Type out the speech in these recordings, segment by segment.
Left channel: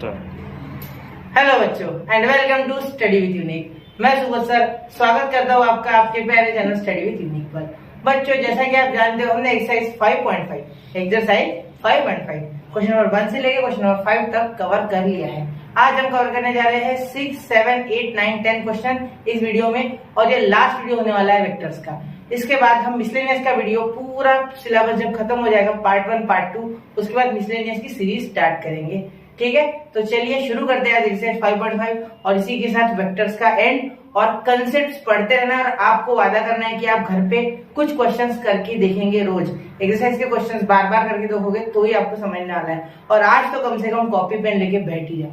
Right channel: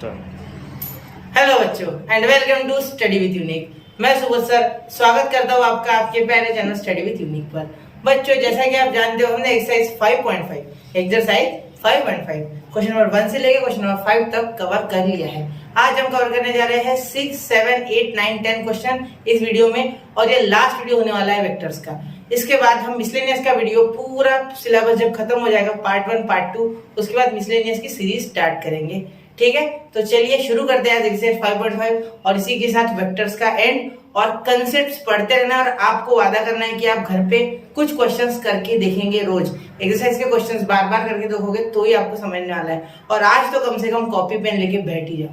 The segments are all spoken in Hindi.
स्टार्ट। हेलो बच्चों and welcome to study with unique. मैं सुबोध सर स्वागत करता हूँ आपका आपके प्यारे चैनल स्टडी विद यूनिक पर। बच्चों जैसा कि आप जानते हो हमने एक्सरसाइज 5.5 क्वेश्चन नंबर 1 से लेकर क्वेश्चन नंबर 5 तक कवर कर लिया है। आज हम कवर करने जा रहे हैं 6, 7, 8, 9, 10 क्वेश्चन इस वीडियो में, और ये लास्ट वीडियो होने वाला है वेक्टर्स का। इसके बाद हम मिसलेनियस का वीडियो पूरा सिलेबस जब खत्म हो जाएगा पार्ट 1 पार्ट 2, उसके बाद मिसलेनियस की सीरीज स्टार्ट करेंगे। ठीक है, तो चलिए शुरू करते हैं आज एक्सरसाइज 5.5 और इसी के साथ वेक्टर्स का एंड और कंसेप्ट्स पढ़ते रहना है। और आपको वादा करना है कि आप घर पे कुछ क्वेश्चंस करके देखेंगे, रोज एक्सरसाइज के क्वेश्चंस बार बार करके देखोगे तो ही आपको समझने वाला है। और आज तो कम से कम कॉपी पेन लेके बैठ ही जाओ।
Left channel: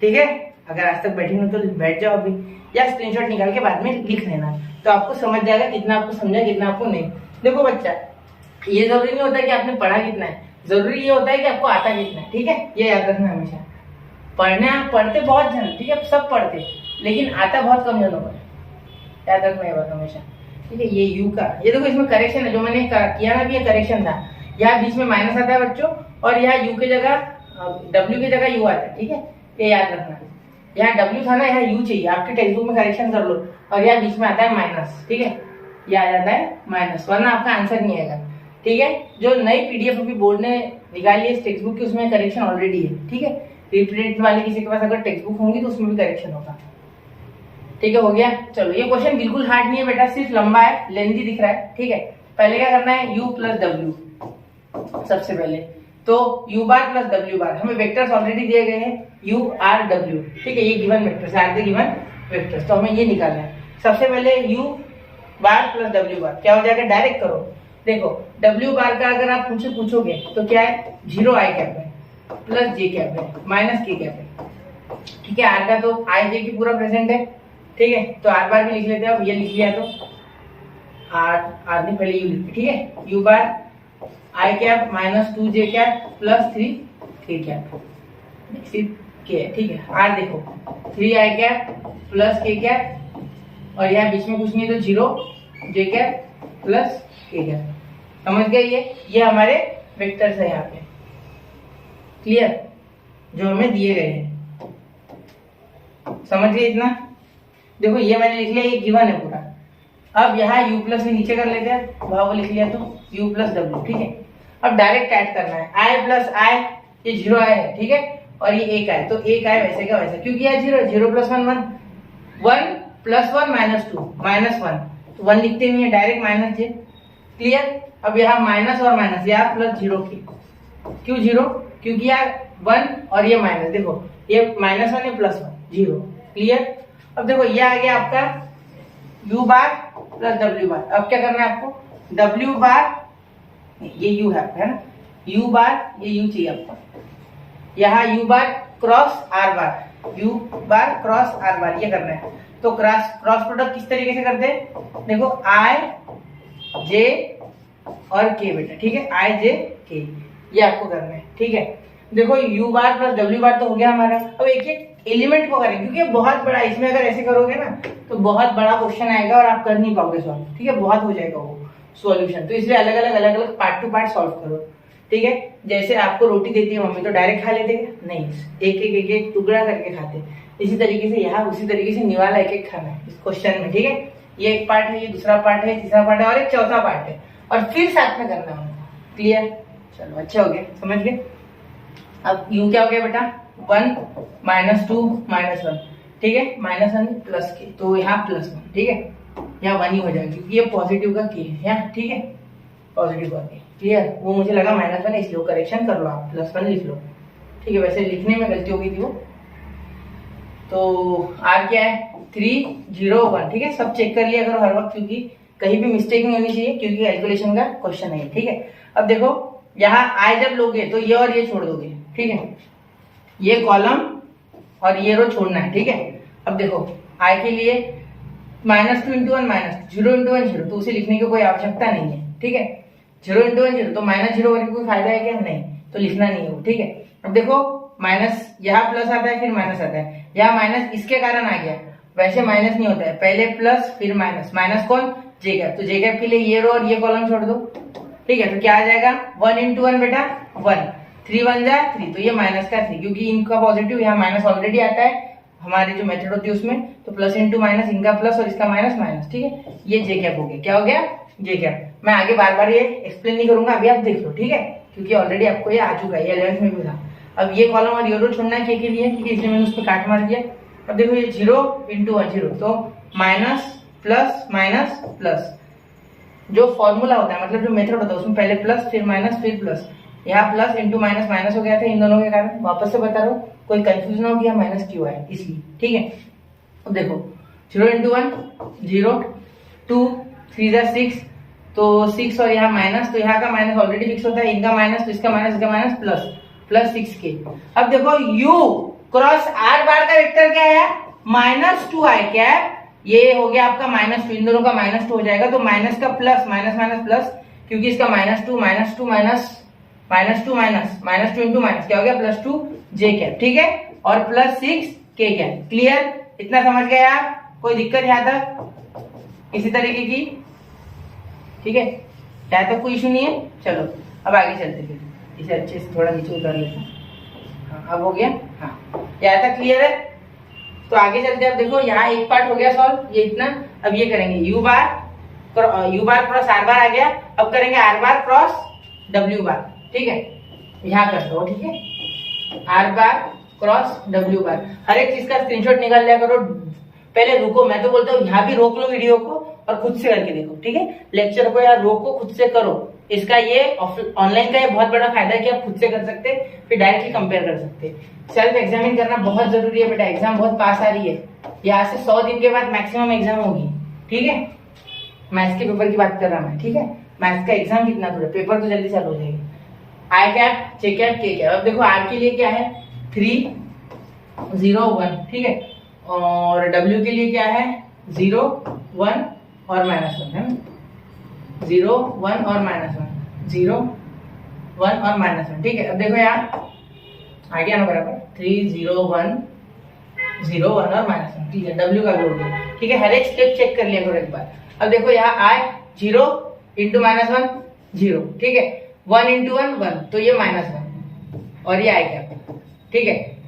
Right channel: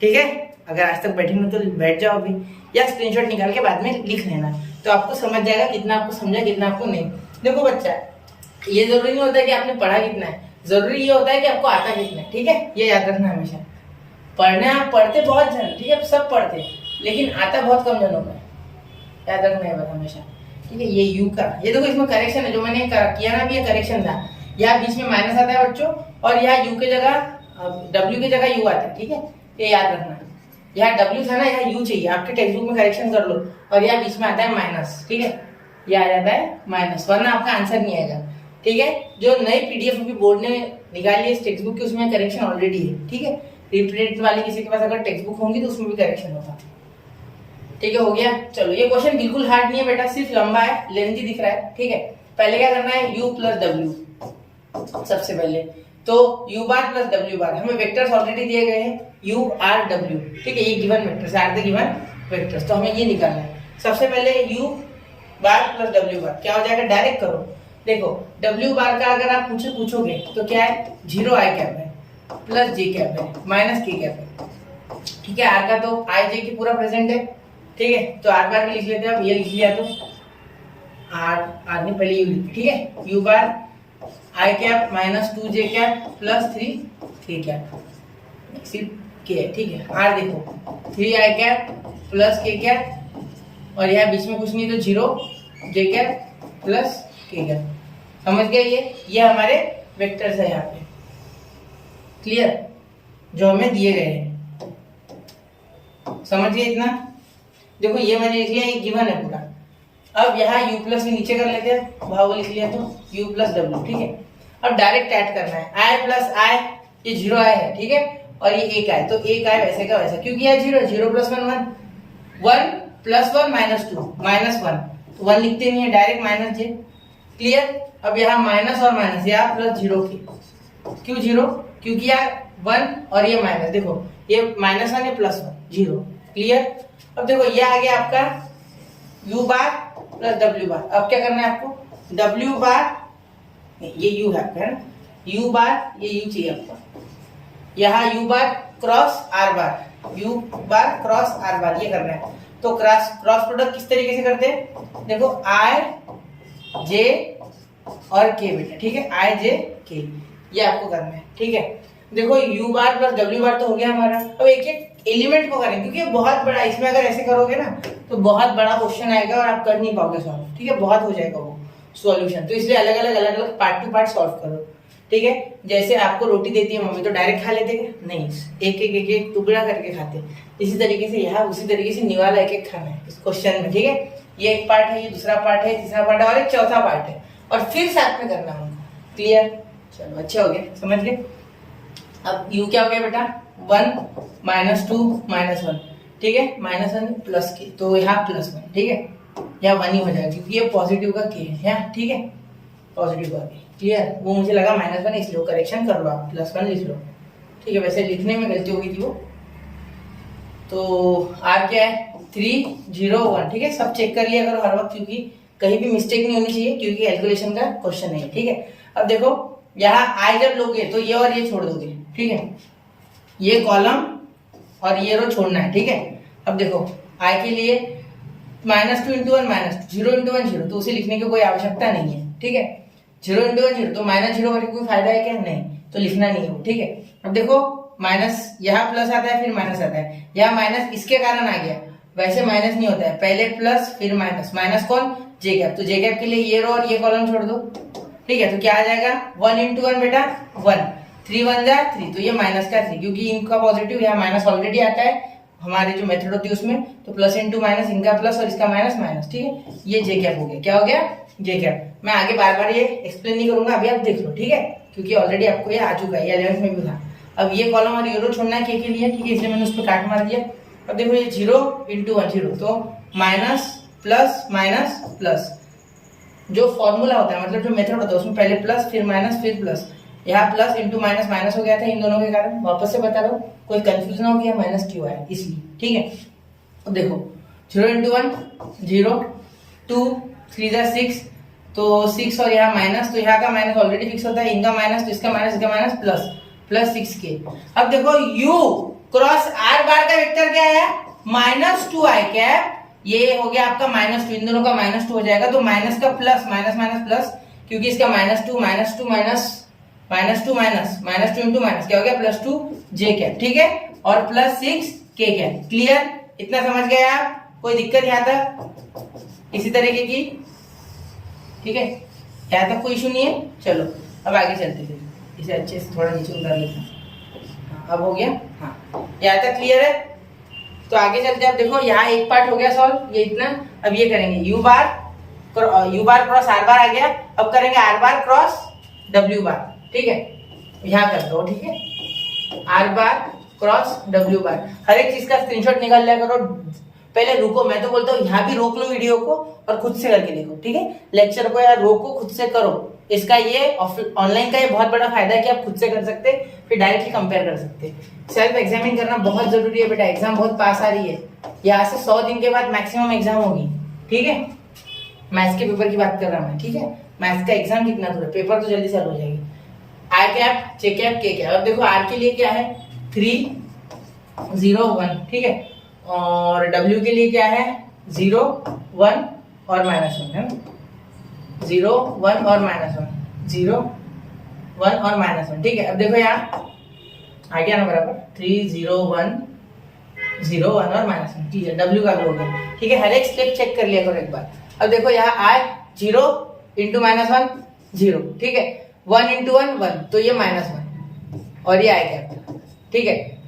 ठीक है, अगर आज तक बैठी नहीं तो बैठ जाओ अभी, या स्क्रीनशॉट निकाल के बाद में लिख लेना, तो आपको समझ जाएगा कितना आपको समझा कितना आपको नहीं। देखो बच्चा, ये जरूरी नहीं होता कि आपने पढ़ा कितना है, जरूरी ये होता है कि आपको आता कितना है। ठीक है, ये याद रखना हमेशा। पढ़ते बहुत जन, ठीक है, सब पढ़ते, लेकिन आता बहुत कम जनों को, याद रखना है बात हमेशा। ठीक है, ये यू का, ये देखो इसमें करेक्शन है जो मैंने किया ना, भी ये करेक्शन था। यहाँ बीच में माइनस आता है बच्चों, और यहाँ यू की जगह डब्ल्यू की जगह यू आता है। ठीक है, ये याद रखना। यहाँ डब्ल्यू था ना, यहाँ यू चाहिए, आपके टेक्स्ट बुक में करेक्शन कर लो। और यहाँ बीच में आता है माइनस। ठीक है, ये आ जाता है माइनस, वरना आपका आंसर नहीं आएगा। ठीक है, जो नई पीडीएफ अभी बोर्ड ने निकाली है इस टेक्स्ट बुक की, उसमें करेक्शन ऑलरेडी है। ठीक है, रिपीटेड वाले किसी के पास अगर टेक्स्ट बुक होंगी तो उसमें भी करेक्शन होगा। ठीक है, हो गया। चलो, ये क्वेश्चन बिल्कुल हार्ड नहीं है बेटा, सिर्फ लंबा है, लेंथी दिख रहा है। ठीक है, पहले क्या करना है, u प्लस डब्ल्यू। सबसे पहले तो u बार प्लस w बार, हमें वेक्टर्स ऑलरेडी दिए गए हैं u r w। ठीक है, ये given vectors are the given vectors, तो हमें ये निकालना है। सबसे पहले u bar plus w bar क्या हो जाएगा, डायरेक्ट करो। देखो w बार का अगर आप मुझसे पूछोगे तो क्या है, 0 i कैप है प्लस j कैप है माइनस k कैप है। ठीक है, r का तो i j की पूरा प्रेजेंट है। ठीक है, तो r बार भी लिख लेते हैं हम, ये लिख लिया तो r ने पहले u लिख। ठीक है, u bar i cap minus 2j cap plus 3 cap सिर्फ k है। ठीक है, r देखो 3i cap plus k cap, और यहाँ बीच में कुछ नहीं तो 0 j cap plus k cap. समझ गए, ये हमारे वेक्टर्स है यहाँ पे। क्लियर, जो हमें दिए गए हैं, समझ गए इतना। देखो ये मैंने लिख लिया, ये गिवन है पूरा। अब यहाँ u प्लस में नीचे कर लेते हैं, वहां वो लिख लिया तो u प्लस w। ठीक है, अब डायरेक्ट ऐड करना है, i प्लस i, ये 0 i है। ठीक है, और ये 1 i, तो 1 i वैसे का वैसा, क्योंकि यह 0 प्लस 1 1, 1 प्लस 1 माइनस 2 माइनस 1, तो 1 लिखते नहीं है, डायरेक्ट माइनस j। क्लियर, अब यहाँ माइनस और माइनस, यहाँ प्लस 0 की, क्यों 0, क्योंकि यहाँ 1 और ये माइनस, देखो ये माइनस 1 है प्लस 1, 0। क्लियर, अब देखो ये आ गया आपका u बार प्लस w बार। अब क्या करना है आपको, w बार, ये u है आपका, है ना, u बार, ये u चाहिए आपको, यहाँ u बार क्रॉस r बार, u बार क्रॉस r बार, ये करना है। तो क्रॉस प्रोडक्ट किस तरीके से करते हैं, देखो i j और k बेटा। ठीक है, i j k, ये आपको करना है। ठीक है, देखो u बार प्लस w बार तो हो गया हमारा। अब एक एक एलिमेंट को करें, क्योंकि बहुत बड़ा, इसमें अगर ऐसे करोगे ना तो बहुत बड़ा क्वेश्चन आएगा और आप कर नहीं पाओगे सॉल्व। ठीक है, बहुत हो जाएगा वो सॉल्यूशन, तो इसलिए अलग अलग पार्ट टू पार्ट सॉल्व करो। ठीक है, जैसे आपको रोटी देती है मम्मी तो डायरेक्ट खा लेते हैं, नहीं, एक एक टुकड़ा करके खाते। इसी तरीके से यहाँ उसी तरीके से निवाला एक एक खाना है इस क्वेश्चन में। ठीक है, ये एक पार्ट है, ये दूसरा पार्ट है, तीसरा पार्ट है और एक चौथा पार्ट है, और फिर साथ में करना है उनको। क्लियर, चलो अच्छे हो गए, समझ गए। अब u क्या हो गया बेटा, 1 माइनस 2 माइनस 1। ठीक है, माइनस 1 प्लस k, तो यहाँ प्लस 1। ठीक है, यहाँ 1 ही हो जाएगा क्योंकि ये पॉजिटिव का k है यहाँ। ठीक है, पॉजिटिव का k। क्लियर, वो मुझे लगा माइनस 1 इसलिए करेक्शन कर लो, आप प्लस 1 लिख लो। ठीक है, वैसे लिखने में गलती हो गई थी वो। तो r क्या है, 3 0 1। ठीक है, सब चेक कर लिया करो हर वक्त, क्योंकि कहीं भी मिस्टेक नहीं होनी चाहिए, क्योंकि कैलकुलेशन का क्वेश्चन है। ठीक है, अब देखो यहाँ i जब लोगे तो ये और ये छोड़ दोगे। ठीक है, ये कॉलम और ये रो छोड़ना है। ठीक है, अब देखो i के लिए -2 × 1 -2, 0 × 1 0, तो उसे लिखने की कोई आवश्यकता नहीं है। ठीक है, 0 × 1 0, तो -0 करके कोई फायदा है क्या, नहीं, तो लिखना नहीं है। ठीक है, अब देखो माइनस, यहाँ प्लस आता है फिर माइनस आता है, यहाँ माइनस इसके कारण आ गया, वैसे माइनस नहीं होता है, पहले प्लस फिर माइनस। माइनस कौन, जे कैप, तो जे कैप के लिए ये रो और ये कॉलम छोड़ दो। ठीक है, तो क्या आ जाएगा, 1 × 1 बेटा 1, 3 1 जा 3, तो ये माइनस का 3, क्योंकि इनका पॉजिटिव यहाँ माइनस ऑलरेडी आता है हमारी जो मेथड होती है उसमें, तो प्लस इंटू माइनस, इनका प्लस और इसका माइनस माइनस, ठीक है। ये जे कैप हो गया, क्या हो गया, जे कैप। मैं आगे बार बार ये एक्सप्लेन नहीं करूंगा, अभी आप देख लो, ठीक है, क्योंकि ऑलरेडी आपको ये आ चुका है, ये 11th में भी था। अब ये कॉलम और ये रो छोड़ना है के लिए, ठीक है, इसलिए मैंने उस पर काट मार दिया। अब देखो ये 0 इंटू 1 0, तो माइनस प्लस माइनस प्लस, जो फॉर्मूला होता है मतलब जो मेथड होता है उसमें पहले प्लस फिर माइनस फिर प्लस, यहाँ प्लस इंटू माइनस माइनस हो गया था इन दोनों के कारण। वापस से बता रहा हूँ, कोई कंफ्यूजन हो गया माइनस क्यों है इसलिए, ठीक है। अब देखो 0 इंटू 1 0, 2 3 जा 6, तो 6 और यहाँ माइनस, तो यहाँ का माइनस ऑलरेडी फिक्स होता है, इनका माइनस तो इसका माइनस प्लस प्लस 6k। अब देखो u क्रॉस r बार का वेक्टर क्या है, -2i कैप, ये हो गया आपका -2, इन दोनों का -2 हो जाएगा, तो माइनस का प्लस माइनस माइनस प्लस, क्योंकि इसका -2 -2 माइनस -2 इंटू माइनस क्या हो गया +2 j कैप, ठीक है, और +6 k कैप। क्लियर, इतना समझ गए आप? कोई दिक्कत यहाँ तक इसी तरीके की, ठीक है, यहाँ तक कोई इशू नहीं है। चलो अब आगे चलते फिर, इसे अच्छे से थोड़ा नीचे उतार लेते हैं। हाँ, अब हो गया, हाँ यहाँ तक क्लियर है। तो आगे चलते हैं। अब देखो यहाँ एक पार्ट हो गया सॉल्व, ये इतना। अब ये करेंगे u बार क्रॉस r बार आ गया, अब करेंगे r बार क्रॉस w बार, ठीक है, यहाँ कर दो, ठीक है, r बार क्रॉस w बार। हर एक चीज का स्क्रीनशॉट निकाल लिया करो। पहले रुको, मैं तो बोलता हूँ यहाँ भी रोक लो वीडियो को और खुद से करके देखो, ठीक है, लेक्चर को यहाँ रोको, खुद से करो। इसका ये ऑनलाइन का ये बहुत बड़ा फायदा है कि आप खुद से कर सकते, फिर डायरेक्टली कंपेयर कर सकते। सेल्फ एग्जामिन करना बहुत जरूरी है बेटा, एग्जाम बहुत पास आ रही है, यहाँ से 100 दिन के बाद मैक्सिमम एग्जाम होगी, ठीक है। मैथ्स के पेपर की बात कर रहा मैं, ठीक है, मैथ्स का एग्जाम कितना दूर है, पेपर तो जल्दी चालू हो जाएगी। आई कैप, जे कैप, के कैप। अब देखो आर के लिए क्या है 3 0 1, ठीक है, और W के लिए क्या है 0 1 और -1 है, 0 1 और -1, 0 1 और -1, ठीक है। अब देखो यहाँ आ गया ना बराबर, 3 0 1 0 1 और -1, ठीक है, W का भी हो गया, ठीक है। हर एक स्टेप चेक कर लिया करो एक बार। अब देखो यहाँ आए 0 इंटू -1 0, ठीक है, 1 इंटू 1 1, तो ये -1 और ये आई कैप, ठीक है।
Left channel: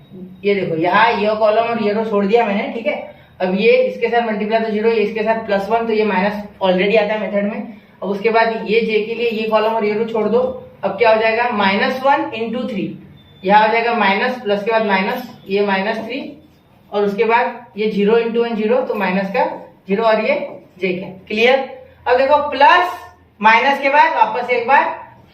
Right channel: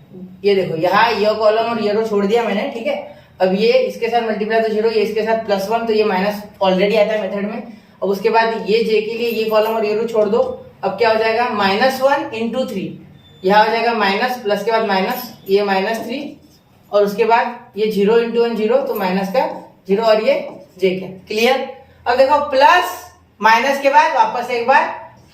ये देखो यहाँ ये कॉलम और ये रो छोड़ दिया मैंने, ठीक है। अब ये इसके साथ मल्टीप्लाई तो 0, ये इसके साथ +1, तो ये माइनस ऑलरेडी आता है मेथड में। अब उसके बाद ये जे के लिए ये कॉलम और ये रो छोड़ दो। अब क्या हो जाएगा -1 इंटू 3, यहाँ हो जाएगा माइनस, प्लस के बाद माइनस, ये -3, और उसके बाद ये 0 इंटू 1 0, तो माइनस का 0 और ये जे के। क्लियर। अब देखो प्लस माइनस के बाद वापस एक बार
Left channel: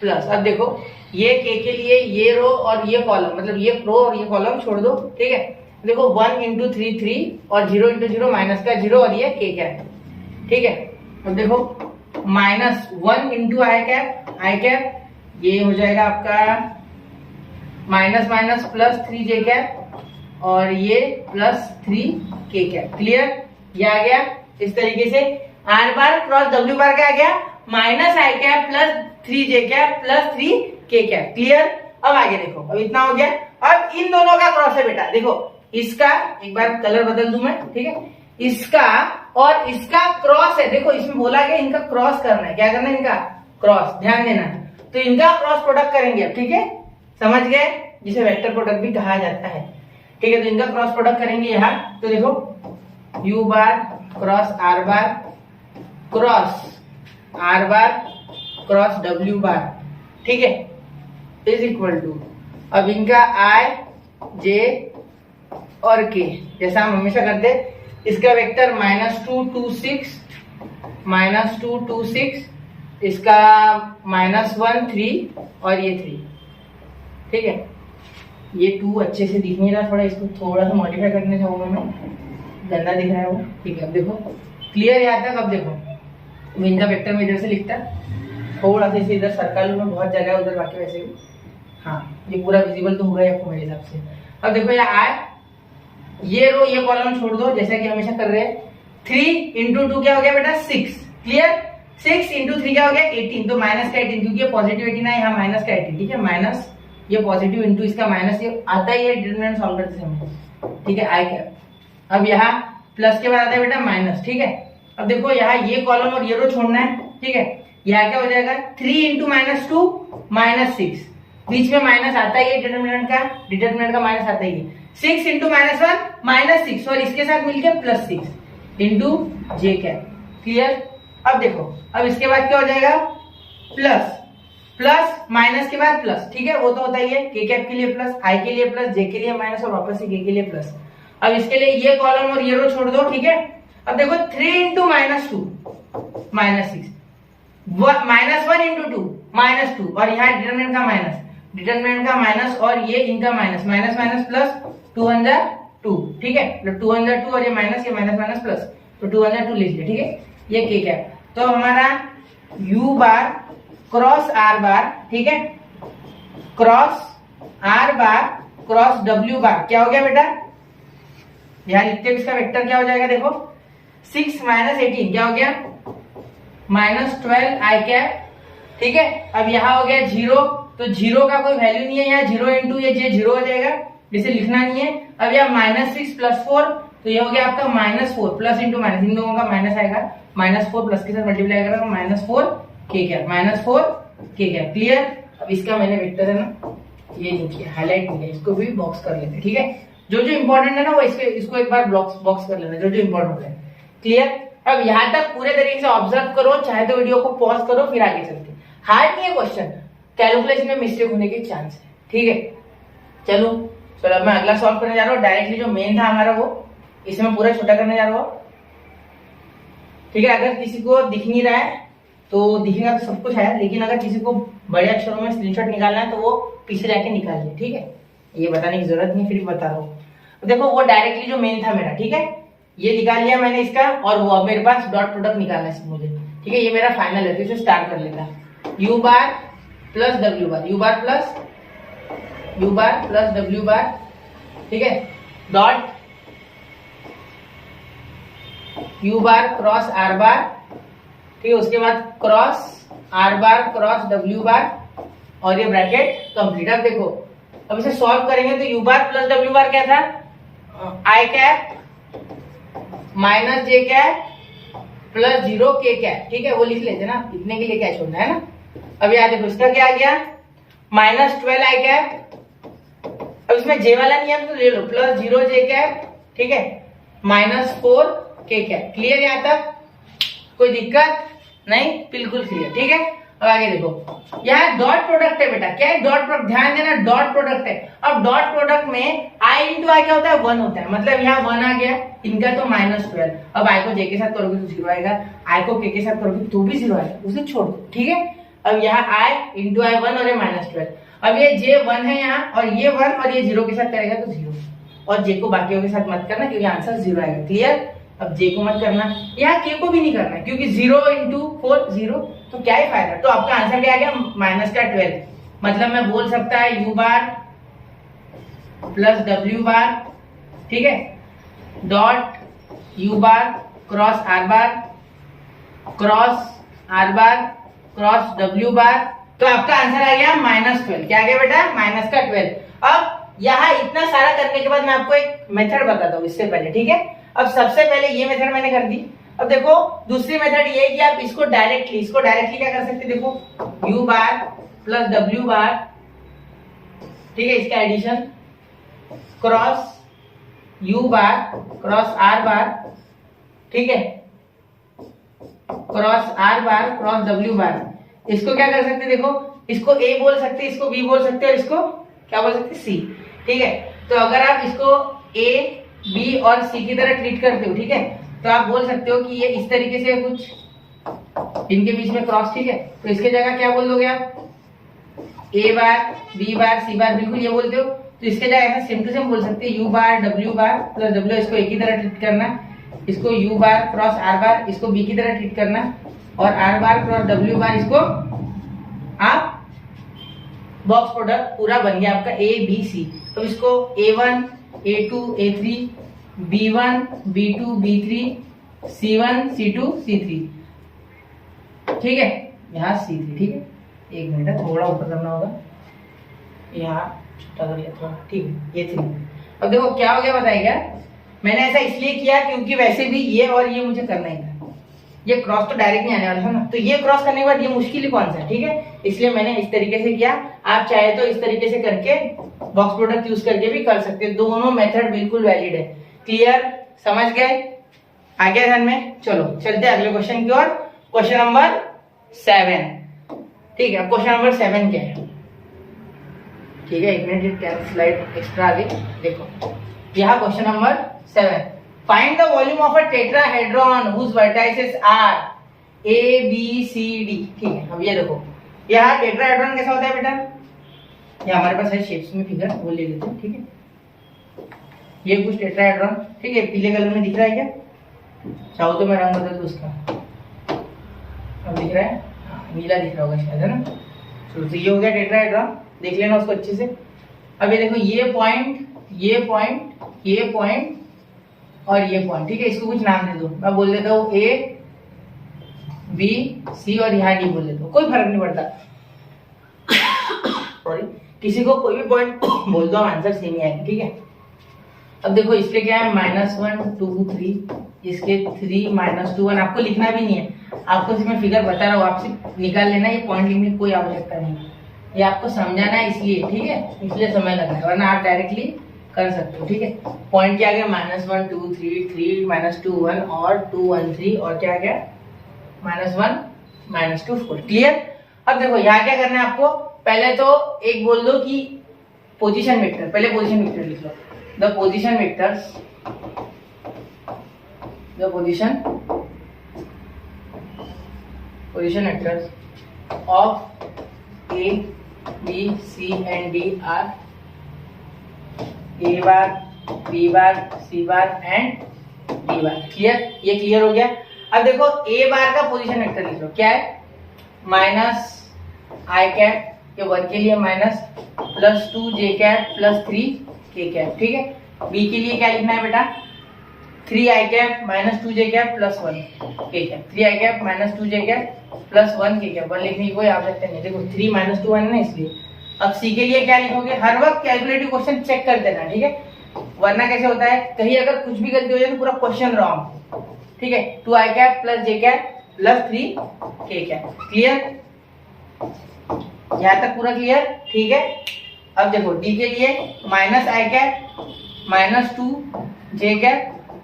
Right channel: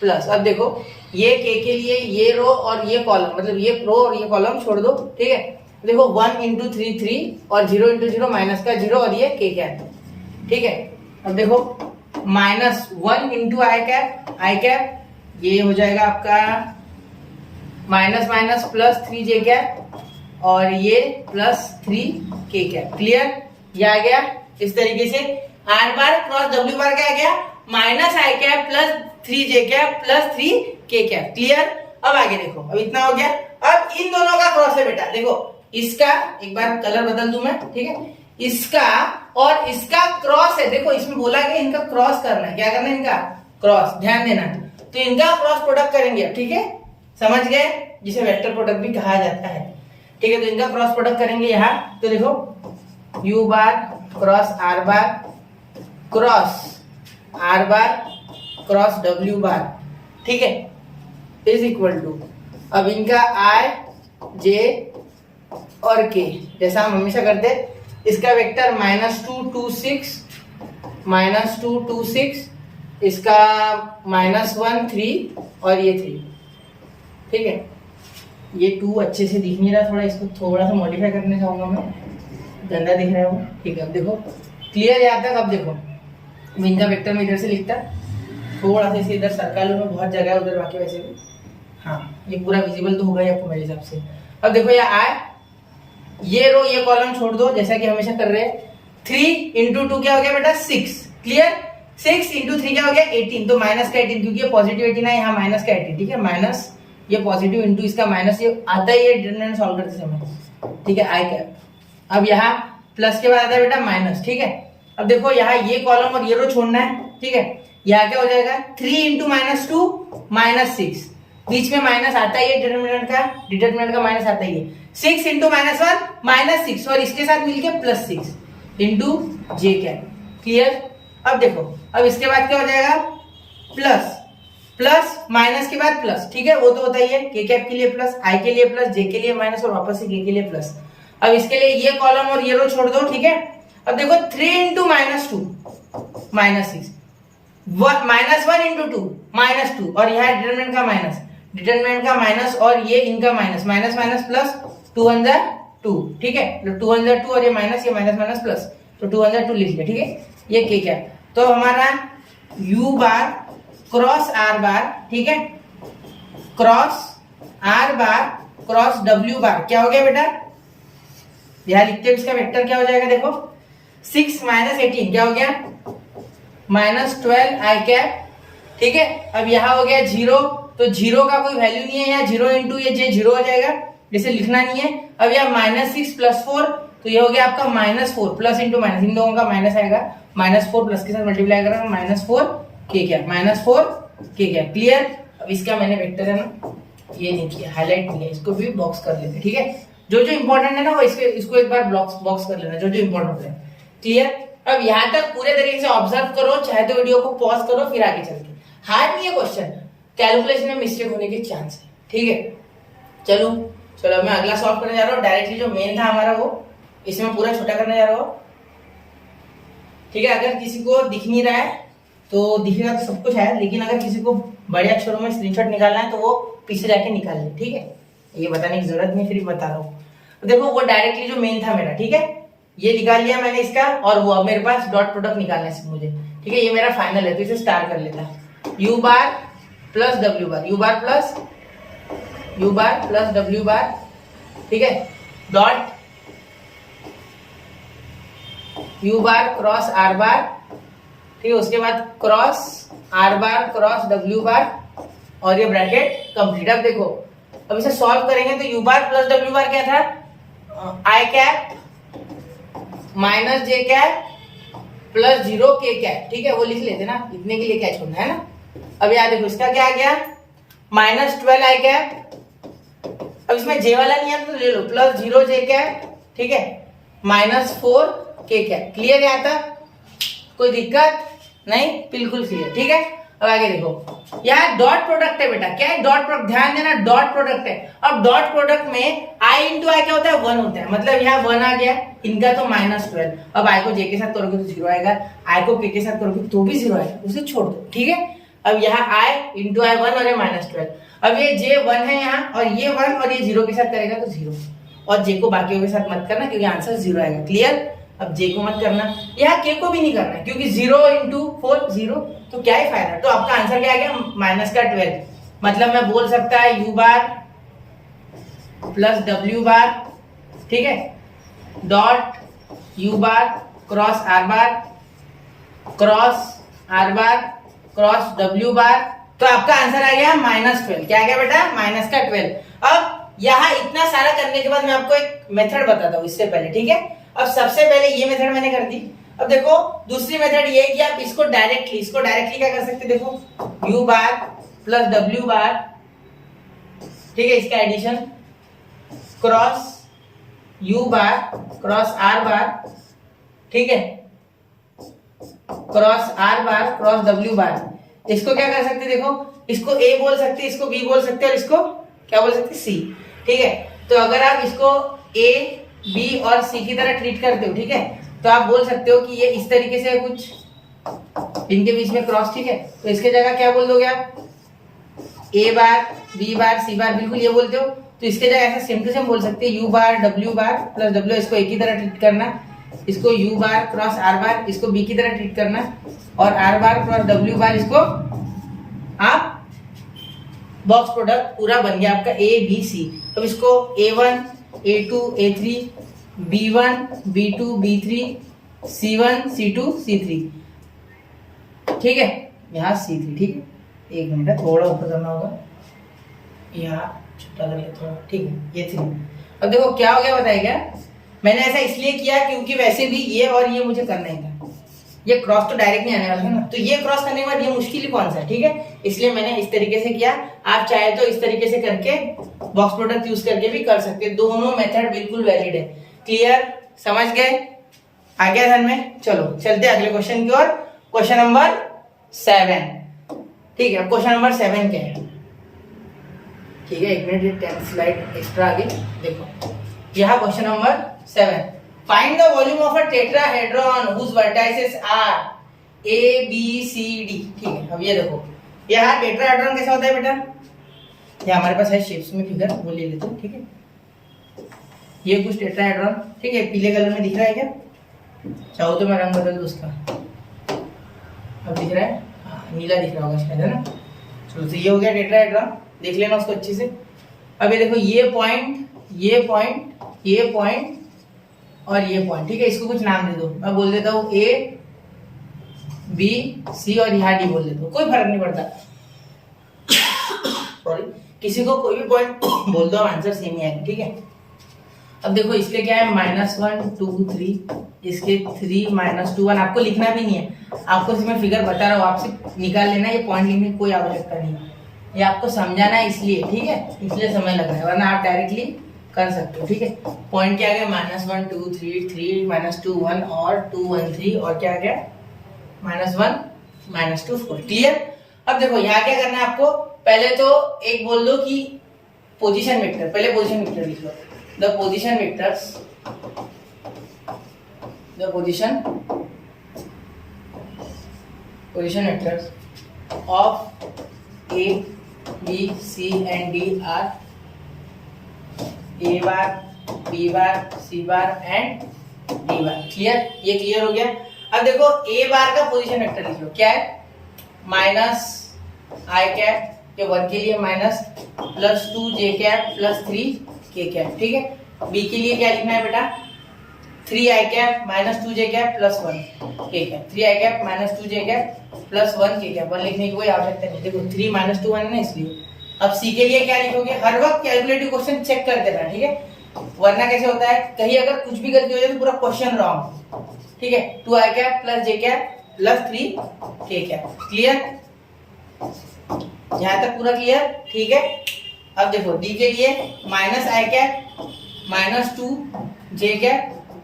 प्लस। अब देखो ये के लिए ये रो और ये कॉलम, मतलब ये रो और ये कॉलम छोड़ दो, ठीक है। देखो 1 इंटू 3 3 और 0 इंटू 0 माइनस का 0 और ये के कैप, ठीक है। अब देखो -1 इंटू आई कैप, ये हो जाएगा आपका माइनस माइनस +3 जे कैप और ये +3 के कैप। क्लियर, ये आ गया इस तरीके से। आर बार क्रॉस डब्ल्यू बार क्या आ गया -i कैप +3 जे कैप +3 के कैप। क्लियर। अब आगे देखो, अब इतना हो गया। अब इन दोनों का क्रॉस है बेटा, देखो इसका एक बार कलर बदल दूं मैं, ठीक है, इसका और इसका क्रॉस है। देखो इसमें बोला गया इनका क्रॉस करना है, क्या करना है इनका क्रॉस, ध्यान देना। तो इनका क्रॉस प्रोडक्ट करेंगे अब, ठीक है, समझ गए, जिसे वेक्टर प्रोडक्ट भी कहा जाता है, ठीक है। तो इनका क्रॉस प्रोडक्ट करेंगे यहाँ, तो देखो u बार क्रॉस r बार क्रॉस r बार क्रॉस w बार, ठीक है, इज इक्वल टू, अब इनका i j और k, जैसा हम हमेशा करते हैं। इसका वेक्टर -2 2 6 -2 2 6, इसका -1 3 और ये 3, ठीक है। ये 2 अच्छे से दिख नहीं रहा, थोड़ा इसको थोड़ा सा मॉडिफाई करने चाहूंगा मैं, गंदा दिख रहा है वो, ठीक है। अब देखो क्लियर यहाँ तक। अब देखो इनका वेक्टर में इधर से लिखता, थोड़ा सा इसे इधर सर्कल में बहुत जगह है उधर, बाकी वैसे भी हाँ ये पूरा विजिबल तो होगा ही आपको मेरे हिसाब से। अब देखो यहाँ आए, ये रो ये कॉलम छोड़ दो जैसा कि हमेशा कर रहे हैं। 3 इंटू 2 क्या हो गया बेटा 6, क्लियर। 6 इंटू 3 क्या हो गया 18, तो माइनस का 18, क्योंकि ये पॉजिटिव 18 है, यहाँ माइनस का 18, ठीक है। माइनस ये पॉजिटिव इंटू इसका माइनस, ये आता ही है डिटरमिनेंट सॉल्व करते समय, ठीक है, आई कैप। अब यहाँ प्लस के बाद आता है बेटा माइनस, ठीक है। अब देखो यहाँ ये कॉलम और ये रो छोड़ना है, ठीक है। यहाँ क्या हो जाएगा 3 इंटू -2 -6, बीच में माइनस आता ही है, डिटर्मिनेंट का माइनस आता ही है। 6 इंटू -1 -6 और इसके साथ मिलके +6 इंटू जे कैप। क्लियर? अब देखो, अब इसके बाद क्या हो जाएगा, प्लस माइनस के बाद प्लस, ठीक है, वो तो होता ही है। के कैप के लिए प्लस, आई के लिए प्लस, जे के लिए माइनस और वापस से के लिए प्लस। अब इसके लिए ये कॉलम और ये रो छोड़ दो, ठीक है। अब देखो 3 इंटू -2 -6, -1 इंटू 2 -2 और यहाँ डिटर्मिनेंट का माइनस और ये इनका माइनस प्लस 2 1 2, ठीक है। 2 1 2 और ये माइनस प्लस, तो 2 1 2 लिख लिया, ठीक है। ये के कैप, तो हमारा u बार क्रॉस r बार, ठीक है, क्रॉस r बार क्रॉस w बार क्या हो गया बेटा, यहां लिखते हैं इसका वेक्टर क्या हो जाएगा, देखो 6 - 18 क्या हो गया, -12 i कैप, ठीक है। अब यहाँ हो गया 0, तो 0 का कोई वैल्यू नहीं है यहाँ, 0 इंटू ये 0 हो जाएगा, जैसे लिखना नहीं है। अब यहाँ -6 + 4, तो ये हो गया आपका -4, प्लस इंटू माइनस, इन दोनों का माइनस आएगा, -4 प्लस के साथ मल्टीप्लाई करेगा, -4 के कैप, -4 के कैप। क्लियर? अब इसका मैंने वेक्टर है ना ये नहीं किया, हाईलाइट नहीं किया, इसको भी बॉक्स कर लेते, ठीक है। जो इंपॉर्टेंट है ना वो इसको एक बार बॉक्स कर लेना, जो इंपॉर्टेंट है। क्लियर? अब यहाँ तक पूरे तरीके से ऑब्जर्व करो, चाहे तो वीडियो को पॉज करो, फिर आगे चलते। हार्ड नहीं है क्वेश्चन, कैलकुलेशन में मिस्टेक होने के चांस है, ठीक है। चलो मैं अगला सॉल्व करने जा रहा हूँ। डायरेक्टली जो मेन था हमारा वो इसमें पूरा छोटा करने जा रहा हूँ, ठीक है। अगर किसी को दिख नहीं रहा है तो दिखेगा तो सब कुछ है, लेकिन अगर किसी को बड़े अक्षरों में स्क्रीनशॉट निकालना है तो वो पीछे जाके निकाल ले, ठीक है। ये बताने की जरूरत नहीं, फिर बता रहा हूँ। देखो वो डायरेक्टली जो मेन था मेरा, ठीक है, ये निकाल लिया मैंने इसका, और वो अब मेरे पास डॉट प्रोडक्ट निकालना है मुझे, ठीक है। ये मेरा फाइनल है, तो इसे स्टार्ट कर लेता है। u बार प्लस w बार, u बार प्लस w बार, ठीक है, डॉट u बार क्रॉस r बार, ठीक है, उसके बाद क्रॉस r बार क्रॉस w बार, और ये ब्रैकेट कंप्लीट। अब देखो, अब इसे सॉल्व करेंगे तो u bar plus w bar क्या था, i cap minus j cap plus 0 k cap, ठीक है, वो लिख लेते ना, इतने के लिए क्या छोड़ना है ना। अब याद देखो इसका क्या आ गया, -12 i कैप, अब इसमें j वाला नहीं है तो ले लो, प्लस 0 j कैप, ठीक है, -4 k कैप। क्लियर? यहाँ तक कोई दिक्कत नहीं, बिल्कुल क्लियर, ठीक है। अब आगे देखो, यहाँ डॉट प्रोडक्ट है बेटा, क्या है डॉट प्रोडक्ट, ध्यान देना डॉट प्रोडक्ट है। अब डॉट प्रोडक्ट में i इंटू आई क्या होता है, 1 होता है, मतलब यहाँ 1 आ गया, इनका तो -12। अब i को j के साथ करोगे तो 0 आएगा, i को k के साथ करोगे तो भी 0 आएगा, उसे छोड़ दो, ठीक है। अब यहाँ i इंटू आई 1 और ये -12, अब ये j 1 है यहाँ, और ये 1 और ये 0 के साथ करेगा तो 0, और j को बाकियों के साथ मत करना क्योंकि आंसर 0 आएगा। क्लियर? अब j को मत करना, यहाँ k को भी नहीं करना क्योंकि 0 इंटू 4 0, तो क्या ही फायदा। तो आपका आंसर क्या आ गया, -12, मतलब मैं बोल सकता है u बार प्लस w बार, ठीक है, डॉट u बार क्रॉस r बार क्रॉस w बार, तो आपका आंसर आ गया -12। क्या आ गया बेटा, -12। अब यहाँ इतना सारा करने के बाद मैं आपको एक मेथड बताता हूँ इससे पहले, ठीक है। अब सबसे पहले ये मेथड मैंने कर दी। अब देखो दूसरी मेथड ये है कि आप इसको डायरेक्टली क्या कर सकते, देखो u बार प्लस w बार, ठीक है, इसका एडिशन क्रॉस u बार क्रॉस r बार, ठीक है, क्रॉस r बार क्रॉस w बार। इसको क्या कर सकते, देखो इसको a बोल सकते, इसको b बोल सकते, और इसको क्या बोल सकते, c, ठीक है। तो अगर आप इसको a b और c की तरह ट्रीट करते हो, ठीक है, तो आप बोल सकते हो कि ये इस तरीके से कुछ इनके बीच में क्रॉस, ठीक है, तो इसके जगह क्या बोल दोगे आप, a bar b bar c बार, बिल्कुल ये बोलते हो। तो इसके जगह ऐसा सेम टू सेम बोल सकते हैं u बार w बार प्लस w, इसको एक ही तरह ट्रीट करना, इसको u बार क्रॉस r बार, इसको b की तरह ट्रीट करना, और r बार क्रॉस w बार, इसको आप बॉक्स प्रोडक्ट पूरा बन गया आपका a b c। अब इसको a1 a2 a3 b1 b2 b3 c1 c2 c3, ठीक है, यहाँ c3, ठीक है। एक मिनट है, थोड़ा ऊपर करना होगा, यहाँ छोटा कर लिया थोड़ा, ठीक है, ये 3। अब देखो क्या हो गया बताएगा, मैंने ऐसा इसलिए किया क्योंकि वैसे भी ये और ये मुझे करना ही था, ये क्रॉस तो डायरेक्ट नहीं आने वाला था ना, तो ये क्रॉस करने के बाद ये मुश्किल ही कौन सा है, ठीक है। इसलिए मैंने इस तरीके से किया। आप चाहे तो इस तरीके से करके बॉक्स प्रोडक्ट यूज करके भी कर सकते हैं, दोनों मेथड बिल्कुल वैलिड है। क्लियर, समझ गए, आ गया ध्यान में। चलो चलते हैं अगले क्वेश्चन की ओर। क्वेश्चन नंबर 7, ठीक है। क्वेश्चन नंबर 7 क्या है, ठीक है, 1 मिनट 10 स्लाइड एक्स्ट्रा आगे देखो। यहाँ question number 7, find the volume of a tetrahedron whose vertices are A B C D, ठीक है। अब ये देखो, यहाँ टेट्राहेड्रॉन कैसा होता है बेटा, ये हमारे पास है शेप्स में फिगर, वो ले लेते हैं, ठीक है। ये कुछ टेट्राहेड्रॉन, ठीक है, पीले कलर में दिख रहा है क्या, चाहो तो मैं रंग बदल दूं उसका, अब दिख रहा है, नीला दिख रहा होगा शायद, है ना। चलो तो ये हो गया टेट्राहेड्रॉन, देख लेना उसको अच्छे से। अब ये देखो, ये पॉइंट, ये पॉइंट, ये पॉइंट और ये पॉइंट, ठीक है। इसको कुछ नाम दे दो, मैं बोल देता हूँ A B C और यहाँ D बोल देता हूँ, कोई फर्क नहीं पड़ता। सॉरी, किसी को कोई भी पॉइंट बोल दो, आंसर सेम ही आएगा, ठीक है। अब देखो इसके क्या है, -1 2 3, इसके 3 -2 1, आपको लिखना भी नहीं है, आपको सिर्फ मैं फिगर बता रहा हूँ, आप सिर्फ निकाल लेना, ये पॉइंट लिखने की कोई आवश्यकता नहीं है, ये आपको समझाना है इसलिए, ठीक है, इसलिए समय लग रहा है, वरना आप डायरेक्टली कर सकते हो, ठीक है। पॉइंट क्या आ गया, -1 2 3 3 -2 1 और 2 1 3 और क्या आ गया, -1 -2 4। क्लियर। अब देखो यहाँ क्या करना है आपको, पहले तो एक बोल दो कि पोजीशन वेक्टर, पहले पोजीशन वेक्टर लिख लो, the position vectors, the position vectors of A B C and D are A bar B bar C bar and D bar। Clear, ये क्लियर हो गया। अब देखो A बार का पोजीशन वेक्टर लिख लो, क्या है, -i कैप, ये 1 के लिए -+2j कैप +3k कैप, ठीक है। B के लिए क्या लिखना है बेटा, 3i cap -2j cap +1k cap, 3i cap -2j cap +1k cap, 1 लिखने की कोई आवश्यकता नहीं, देखो 3 -2 1 है ना, इसलिए। अब C के लिए क्या लिखोगे, हर वक्त कैलकुलेटिव क्वेश्चन चेक कर देना, ठीक है, वरना कैसे होता है, कहीं अगर कुछ भी गलती हो जाए तो पूरा क्वेश्चन रॉन्ग, ठीक है। 2i cap +j cap +3k cap. Clear, यहां तक पूरा क्लियर, ठीक है। अब देखो D के लिए -i cap -2j cap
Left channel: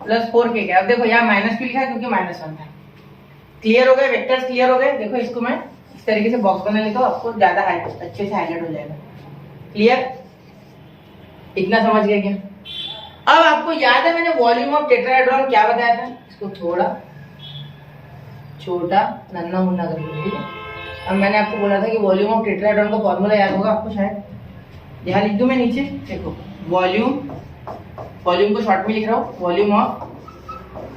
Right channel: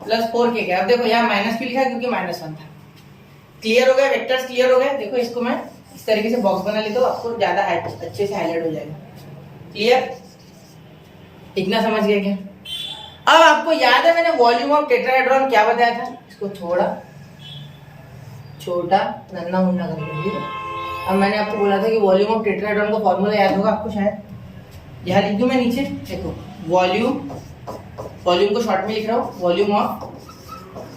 +4k cap. अब देखो यहाँ माइनस क्यों लिखा है, क्योंकि -1 था। क्लियर हो गया, वेक्टर्स क्लियर हो गए। देखो इसको मैं इस तरीके से बॉक्स बना लेता हूँ, आपको ज्यादा अच्छे से हाईलाइट हो जाएगा। क्लियर, इतना समझ गए क्या। अब आपको याद है मैंने वॉल्यूम ऑफ टेट्राहेड्रॉन क्या बताया था, इसको थोड़ा छोटा नन्ना मुन्ना कर लीजिए। अब मैंने आपको बोला था कि वॉल्यूम ऑफ टेट्राहेड्रॉन का फॉर्मूला याद होगा आपको शायद, यहाँ लिख दूं मैं नीचे, देखो वॉल्यूम को शॉर्ट में लिख रहा हूँ, वॉल्यूम ऑफ,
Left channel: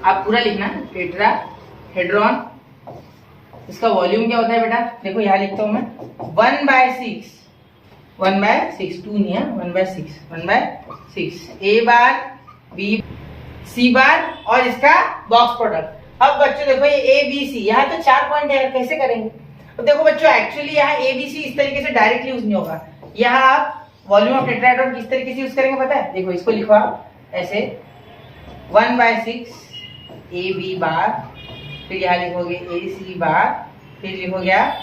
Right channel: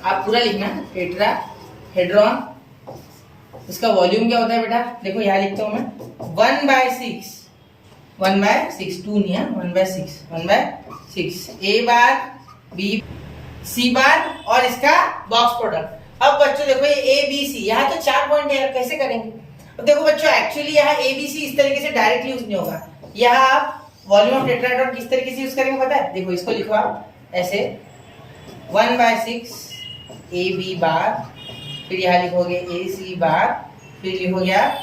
आप पूरा लिखना, टेट्राहेड्रॉन, इसका वॉल्यूम क्या होता है बेटा, देखो यहाँ लिखता हूँ मैं 1/6, 1/6, 2 नहीं है, 1/6 A बार B C बार और इसका बॉक्स प्रोडक्ट। अब बच्चों देखो ये A B C, यहाँ तो 4 पॉइंट है, कैसे करेंगे। अब देखो बच्चों एक्चुअली यहाँ A B C इस तरीके से डायरेक्टली यूज नहीं होगा, यहाँ आप वॉल्यूम ऑफ टेट्राहेड्रॉन किस तरीके से यूज करेंगे पता है, देखो इसको लिखो आप ऐसे 1/6 A B बार, फिर यहाँ लिखोगे A C बार, फिर लिखोगे आप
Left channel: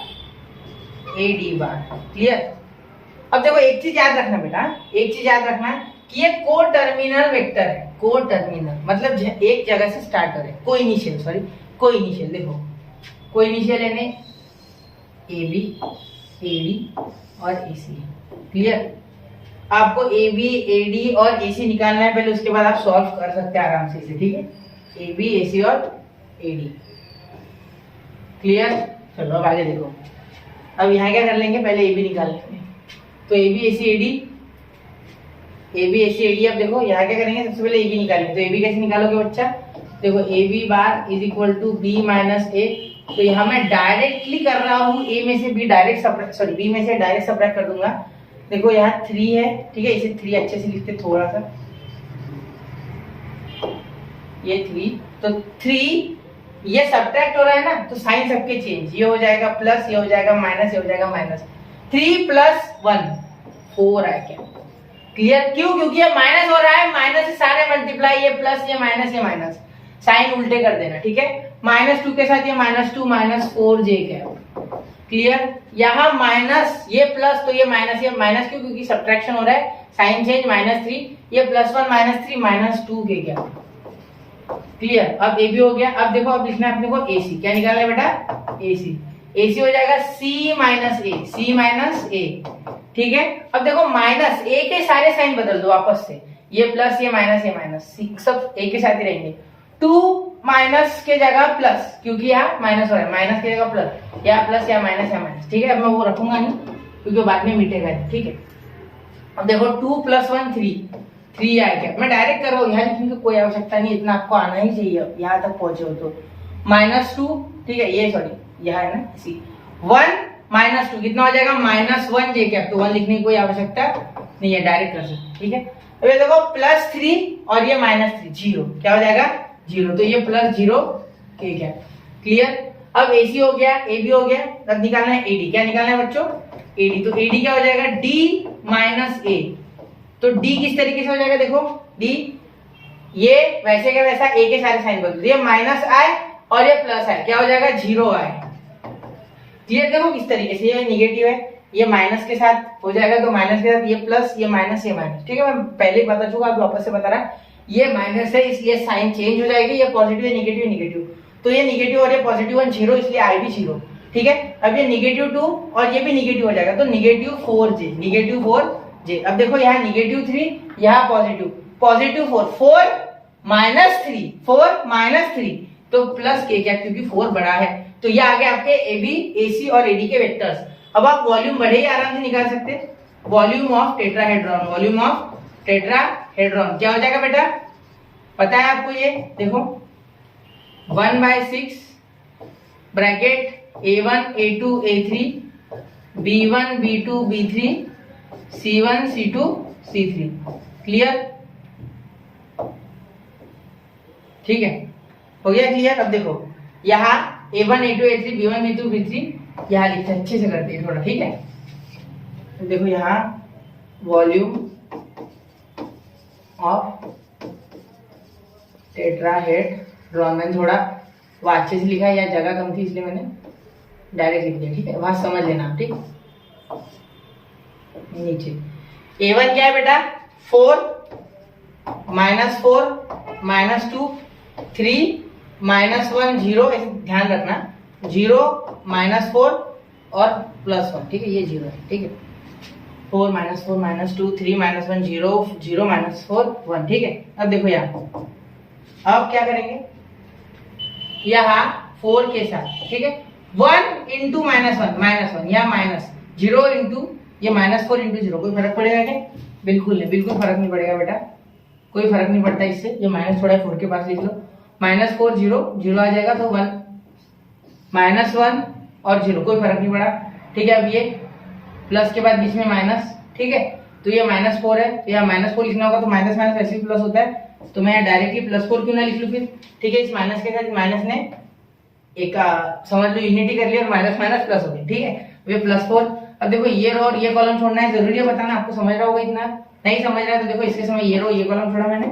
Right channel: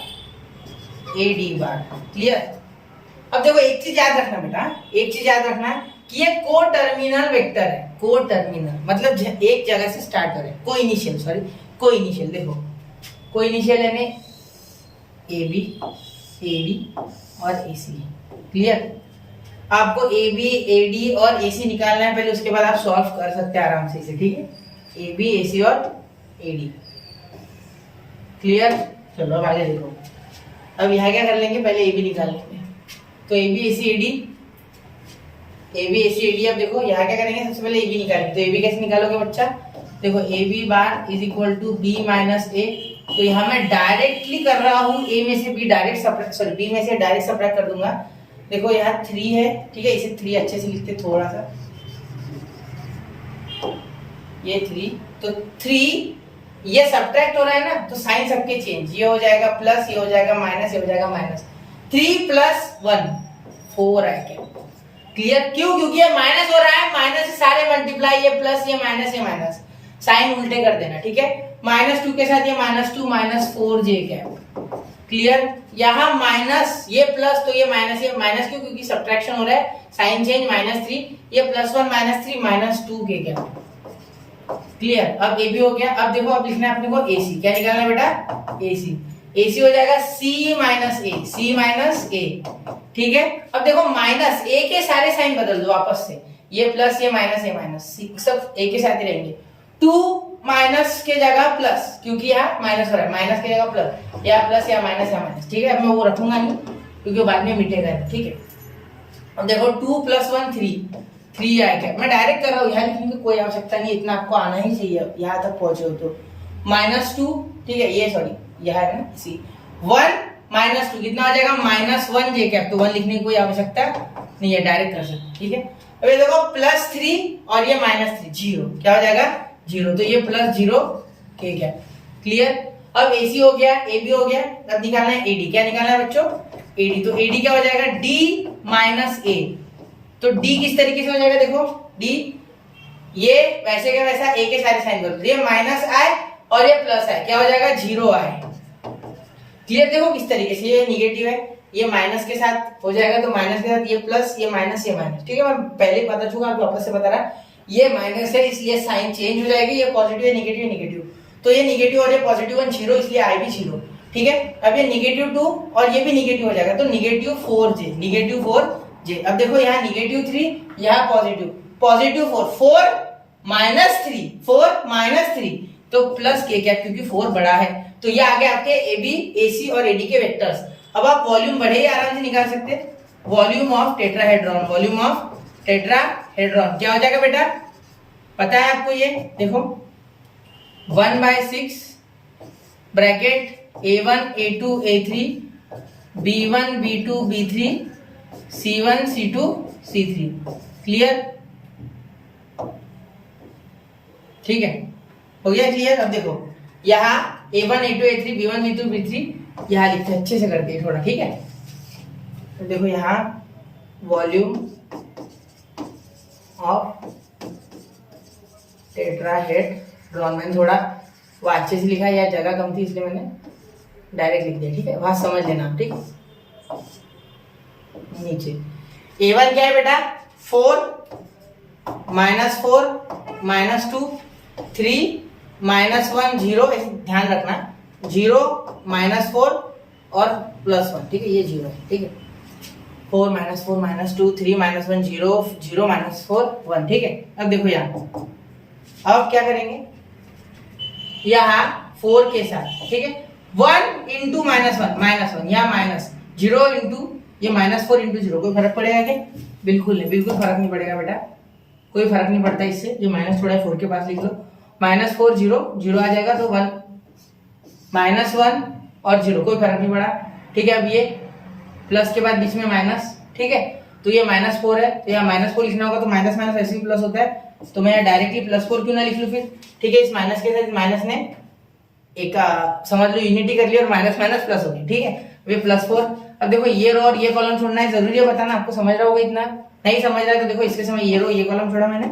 A D बार। क्लियर। अब देखो एक चीज याद रखना बेटा, एक चीज याद रखना कि ये को टर्मिनल वेक्टर है, को टर्मिनल मतलब एक जगह से स्टार्ट हो रहे, को इनिशियल, सॉरी को इनिशियल, देखो को इनिशियल यानी ए बी, ए डी और ए सी। क्लियर, आपको ए बी, ए डी और ए सी निकालना है पहले, उसके बाद आप सॉल्व कर सकते हैं आराम से इसे, ठीक है, ए बी, ए सी और ए डी। क्लियर, चलो आगे देखो। अब यहाँ क्या कर लेंगे, पहले ए बी निकाल लेंगे, तो A B, A C, A D, A B, A C, A D. अब देखो यहाँ क्या करेंगे, सबसे पहले ए बी निकालेंगे, तो ए बी कैसे निकालोगे बच्चा, देखो A B bar is equal to B minus A, तो यहाँ मैं डायरेक्टली कर रहा हूँ, ए में से B direct subtract, sorry B में से डायरेक्ट सब्ट्रैक्ट कर दूंगा। देखो यहाँ 3 है, ठीक है, इसे 3 अच्छे से लिखते थोड़ा सा, ये 3, तो 3 ये सब्ट्रैक्ट हो रहा है ना, तो साइन सबके चेंज, ये हो जाएगा प्लस, ये हो जाएगा माइनस, ये हो जाएगा माइनस, 3 + 1 4 है क्या। क्लियर, क्यों, क्योंकि ये माइनस हो रहा है, माइनस से सारे मल्टीप्लाई, ये प्लस, ये माइनस, साइन उल्टे कर देना, ठीक है। -2 के साथ ये -2 -4j कैप। क्लियर। यहाँ माइनस, ये प्लस तो ये माइनस क्यों, क्योंकि सब्ट्रैक्शन हो रहा है, साइन चेंज -3, ये +1 -3 -2 के क्या, क्लियर। अब ए बी हो गया। अब देखो अब लिखना है अपने को AC, क्या निकालना है बेटा, AC हो जाएगा C - A, ठीक है। अब देखो माइनस ए के सारे साइन बदल दो आपस से, ये प्लस ये माइनस सब एक के साथ ही रहेंगे। 2 माइनस के जगह प्लस, क्योंकि यहाँ माइनस हो रहा है, माइनस की जगह प्लस, या प्लस या माइनस, ठीक है। अब मैं वो रखूंगा नहीं क्योंकि बाद में मिटेगा नहीं, ठीक है। अब देखो 2 + 1 3 आएगा। मैं डायरेक्ट कर रहा हूँ, यहाँ लिखने की कोई आवश्यकता नहीं, इतना आपको आना ही चाहिए यहाँ तक पहुंचे हो तो। -2, ठीक है, ये सॉरी यह है ना सी, 1 - 2 कितना हो जाएगा, -1 जे कैप, तो 1 लिखने की कोई आवश्यकता नहीं है, डायरेक्ट कर सकते, ठीक है। अब ये देखो +3 और ये -3, 0, क्या हो जाएगा 0, तो ये +0 के कैप, क्लियर। अब AC हो गया, AB हो गया, अब निकालना है AD, क्या निकालना है बच्चों, AD, तो AD क्या हो जाएगा D - A, तो D किस तरीके से हो जाएगा, देखो D ये वैसे के वैसा, A के सारे साइन बदल, ये -I और ये +I, क्या हो जाएगा 0I, क्लियर। देखो किस तरीके से, ये निगेटिव है, ये माइनस के साथ हो जाएगा, तो माइनस के साथ ये प्लस, ये माइनस, ठीक है। मैं पहले ही बता चुका, आप वापस से बता रहा, ये माइनस है इसलिए साइन चेंज हो जाएगी, ये पॉजिटिव है, निगेटिव, तो ये निगेटिव और ये पॉजिटिव 1 0, इसलिए I भी 0, ठीक है। अब ये -2 और ये भी निगेटिव हो जाएगा, तो -4j। अब देखो यहाँ -3, यहाँ पॉजिटिव 4 -3, तो प्लस के क्या, क्योंकि 4 बड़ा है, तो ये आ गए आपके AB, AC और AD के वेक्टर्स। अब आप वॉल्यूम बढ़े ही आराम से निकाल सकते हैं, वॉल्यूम ऑफ टेट्राहेड्रॉन, क्या हो जाएगा बेटा, पता है आपको, ये देखो 1/6 bracket A1 A2 A3 B1 B2 B3 C1 C2 C3, clear, ठीक है, हो गया क्लियर। अब देखो यहाँ A1 A2 A3 B1 B2 B3 यहाँ लिखते हैं, अच्छे से करते हैं थोड़ा, ठीक है। तो देखो यहाँ वॉल्यूम ऑफ टेट्राहेड्रॉन, मैंने थोड़ा वो अच्छे से लिखा, या जगह कम थी इसलिए मैंने डायरेक्ट लिख दिया, ठीक है, वहां समझ लेना, ठीक। नीचे A1 क्या है बेटा, 4 -4 -2 3 -1 0, ऐसे ध्यान रखना, 0 -4 और +1, ठीक है, ये 0 है, ठीक है। 4 -4 -2 3 -1 0 0 -4 1, ठीक है। अब देखो यहाँ, अब क्या करेंगे, यहाँ 4 के साथ, ठीक है, 1 × -1 या -0 × ये -4 × 0, कोई फर्क पड़ेगा क्या, बिल्कुल नहीं, बिल्कुल फर्क नहीं पड़ेगा बेटा, कोई फर्क नहीं पड़ता इससे। ये माइनस थोड़ा 4 के पास लिख लो, -4 0 आ जाएगा, तो 1 -1 और 0, कोई फर्क नहीं पड़ा, ठीक है। अब ये प्लस के बाद बीच में माइनस, ठीक है, तो ये -4 है, तो यहाँ -4 लिखना होगा, तो माइनस माइनस ऐसे भी प्लस होता है, तो मैं यहाँ डायरेक्टली +4 क्यों ना लिख लूँ फिर, ठीक है। इस माइनस के साथ माइनस ने एक समझ लो यूनिटी कर ली, और माइनस माइनस प्लस हो गई, ठीक है, वे +4। अब देखो ये रो और ये कॉलम छोड़ना है, जरूरी है बताना, आपको समझ रहा होगा, इतना नहीं समझ रहा है तो देखो इसके समय ये रो ये कॉलम छोड़ा मैंने,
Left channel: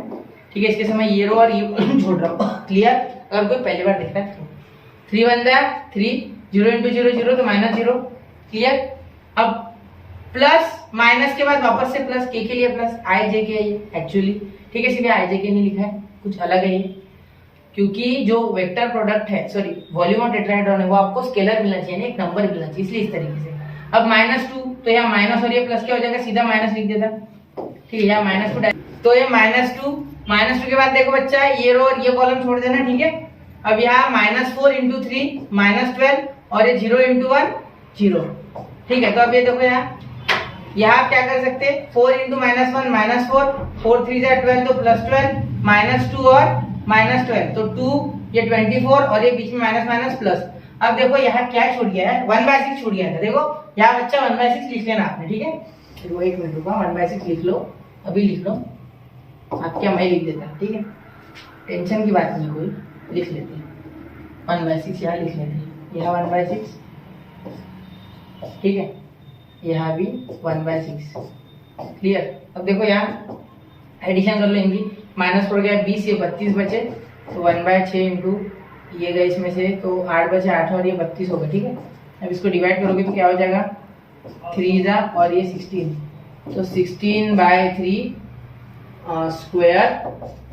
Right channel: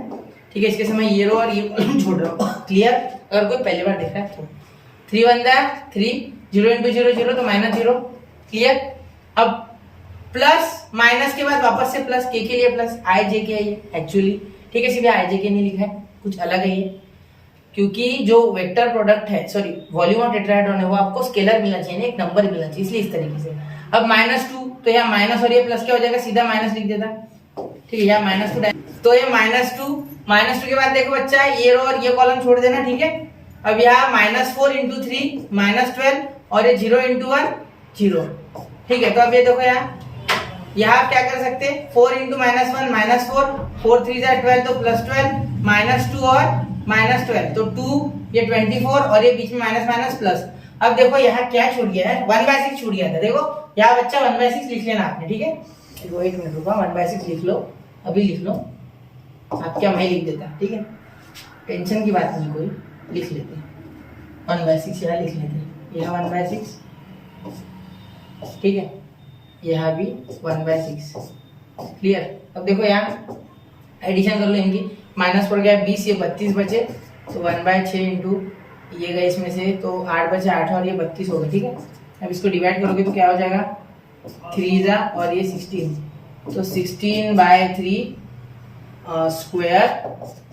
ठीक है, इसके समय ये रो और ये कॉलम छोड़ रहा हूँ, क्लियर। अगर कोई पहली बार देख रहा है तो 3 × 3 0 × 0 0, तो -0, क्लियर। अब प्लस माइनस के बाद वापस से प्लस, के लिए प्लस, आई जे के है ये एक्चुअली, ठीक है, सीधे आई जे के नहीं लिखा है, कुछ अलग है ये, क्योंकि जो वेक्टर प्रोडक्ट है, सॉरी वॉल्यूम ऑफ टेट्राहेड्रॉन है, वो आपको स्केलर मिलना चाहिए, एक नंबर मिलना चाहिए, इसलिए इस तरीके से। अब -2, तो यहाँ माइनस और ये प्लस क्या हो जाएगा, सीधा माइनस लिख देता, ठीक है, यहाँ -2, तो ये -2 के बाद देखो बच्चा ये रो और ये कॉलम छोड़ देना, ठीक है। अब यहाँ -4 × 3 -12 और ये 0 × 1 0, ठीक है। तो अब ये देखो यहाँ आप क्या कर सकते हैं, 4 × -1 -4 4 3 12, तो +12 -2 और -12, तो 2 ये 24 और ये बीच में माइनस माइनस प्लस। अब देखो यहाँ क्या छूट गया है, 1/6 छूट गया था, देखो यहाँ बच्चा 1/6 लिख लेना आपने, ठीक है। देखो 1 मिनट रुका, 1/6 लिख लो, अभी लिख लो, आप क्या मैं लिख देता, ठीक है, टेंशन की बात नहीं कोई, लिख लेते हैं 1/6, यहाँ लिख लेते हैं, यहाँ 1/6, ठीक है, यहाँ भी 1/6, क्लियर। अब देखो यहाँ एडिशन कर लो इनकी, माइनस पड़ गया 20, ये 32 बचे, तो 1/6 इंटू ये गए इसमें से, तो 8 बचे 8 और ये 32 हो गए, ठीक है। अब इसको डिवाइड करोगे तो क्या हो जाएगा, 3 जा और ये 16, तो 16/3 स्क्वायर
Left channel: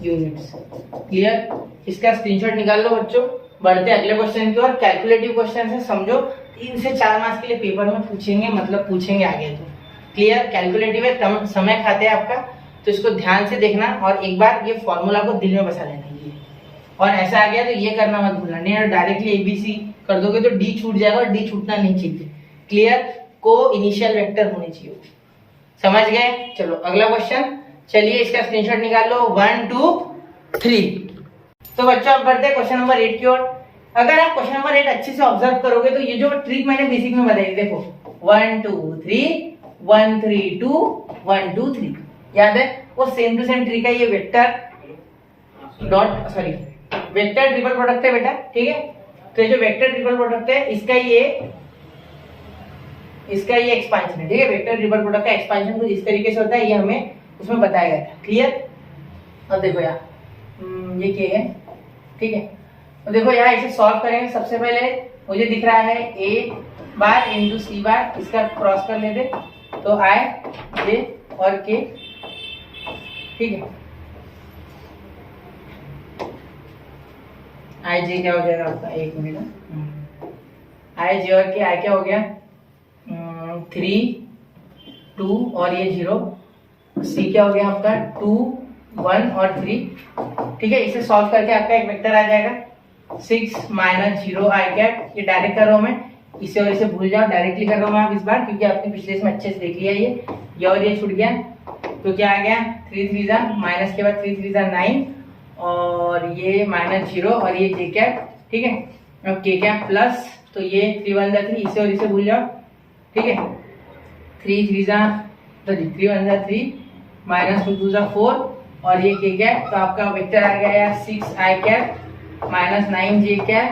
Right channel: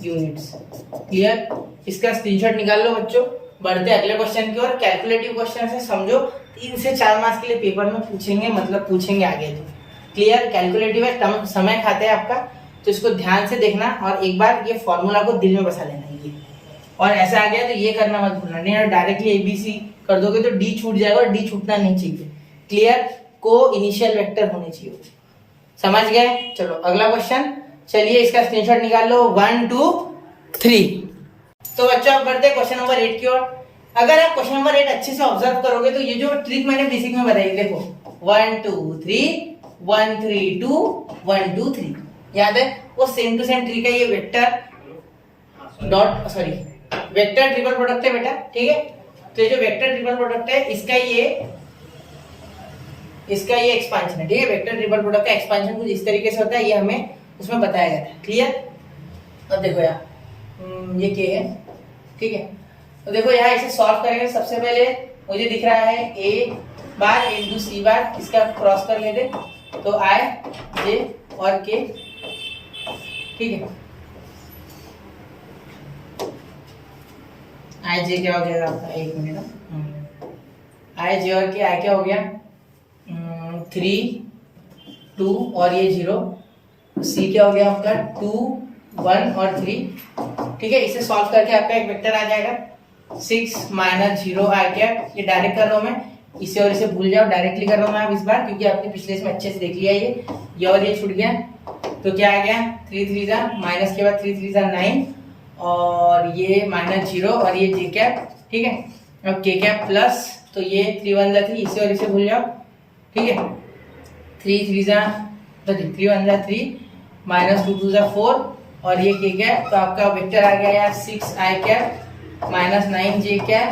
यूनिट्स। क्लियर? इसका स्क्रीनशॉट निकाल लो बच्चों। बढ़ते अगले क्वेश्चन की ओर। कैलकुलेटिव क्वेश्चन है, समझो 3 से 4 मार्क्स के लिए पेपर में पूछेंगे, मतलब पूछेंगे आगे तो। क्लियर? कैलकुलेटिव है, कम समय खाते हैं आपका, तो इसको ध्यान से देखना और एक बार ये फॉर्मूला को दिल में बसा लेना ये। और ऐसा आ गया तो ये करना मत भूलना, नहीं डायरेक्टली ABC कर दोगे तो D छूट जाएगा और D छूटना नहीं चाहिए। क्लियर? को इनिशियल वेक्टर होने चाहिए। समझ गए? चलो अगला क्वेश्चन। चलिए इसका स्क्रीनशॉट निकाल लो, 1 2 3। तो बच्चों अब बढ़ते हैं क्वेश्चन नंबर 8 की ओर। अगर आप क्वेश्चन नंबर 8 अच्छे से ऑब्जर्व करोगे तो ये जो ट्रिक मैंने बेसिक में बताई, देखो 1 2 3 1 3 2 1 2 3, याद है? वो सेम टू सेम ट्रिक है। ये vector dot sorry vector triple product है बेटा, ठीक है? तो ये जो वेक्टर ट्रिपल प्रोडक्ट है इसका ये एक्सपांशन है, ठीक है? वेक्टर ट्रिपल प्रोडक्ट का एक्सपांशन कुछ इस तरीके से होता है, ये हमें उसमें बताया गया था। क्लियर? अब देखो यार ये क्या है, ठीक है? तो देखो यहाँ इसे सॉल्व करेंगे। सबसे पहले मुझे दिख रहा है A बार इंटू C बार, इसका क्रॉस कर लेते तो I J और K, ठीक है? I J क्या हो जाएगा आपका, एक मिनट, I J और K, I क्या हो गया 3 2 और ये 0, C क्या हो गया आपका 2 1 और 3, ठीक है? इसे सॉल्व करके आपका एक वेक्टर आ जाएगा 6 - 0 I कैप। ये डायरेक्ट कर रहा हूं मैं, इसे और इसे भूल जाओ, डायरेक्टली कर रहा हूं मैं अब इस बार, क्योंकि आपने पिछले इसमें अच्छे से देख लिया ये और ये छूट गया। तो क्या आ गया 3 3 जा माइनस के बाद 3 3 जा 9 और ये -0 और ये J कैप, ठीक है? अब K कैप प्लस, तो ये 3 1 जा 3, इसे और इसे भूल जाओ, ठीक है? 3 3 जा 3 1 जा 3 -2 2 जा 4 और ये K कैप। तो आपका वेक्टर आ गया यार 6 I कैप -9 J कैप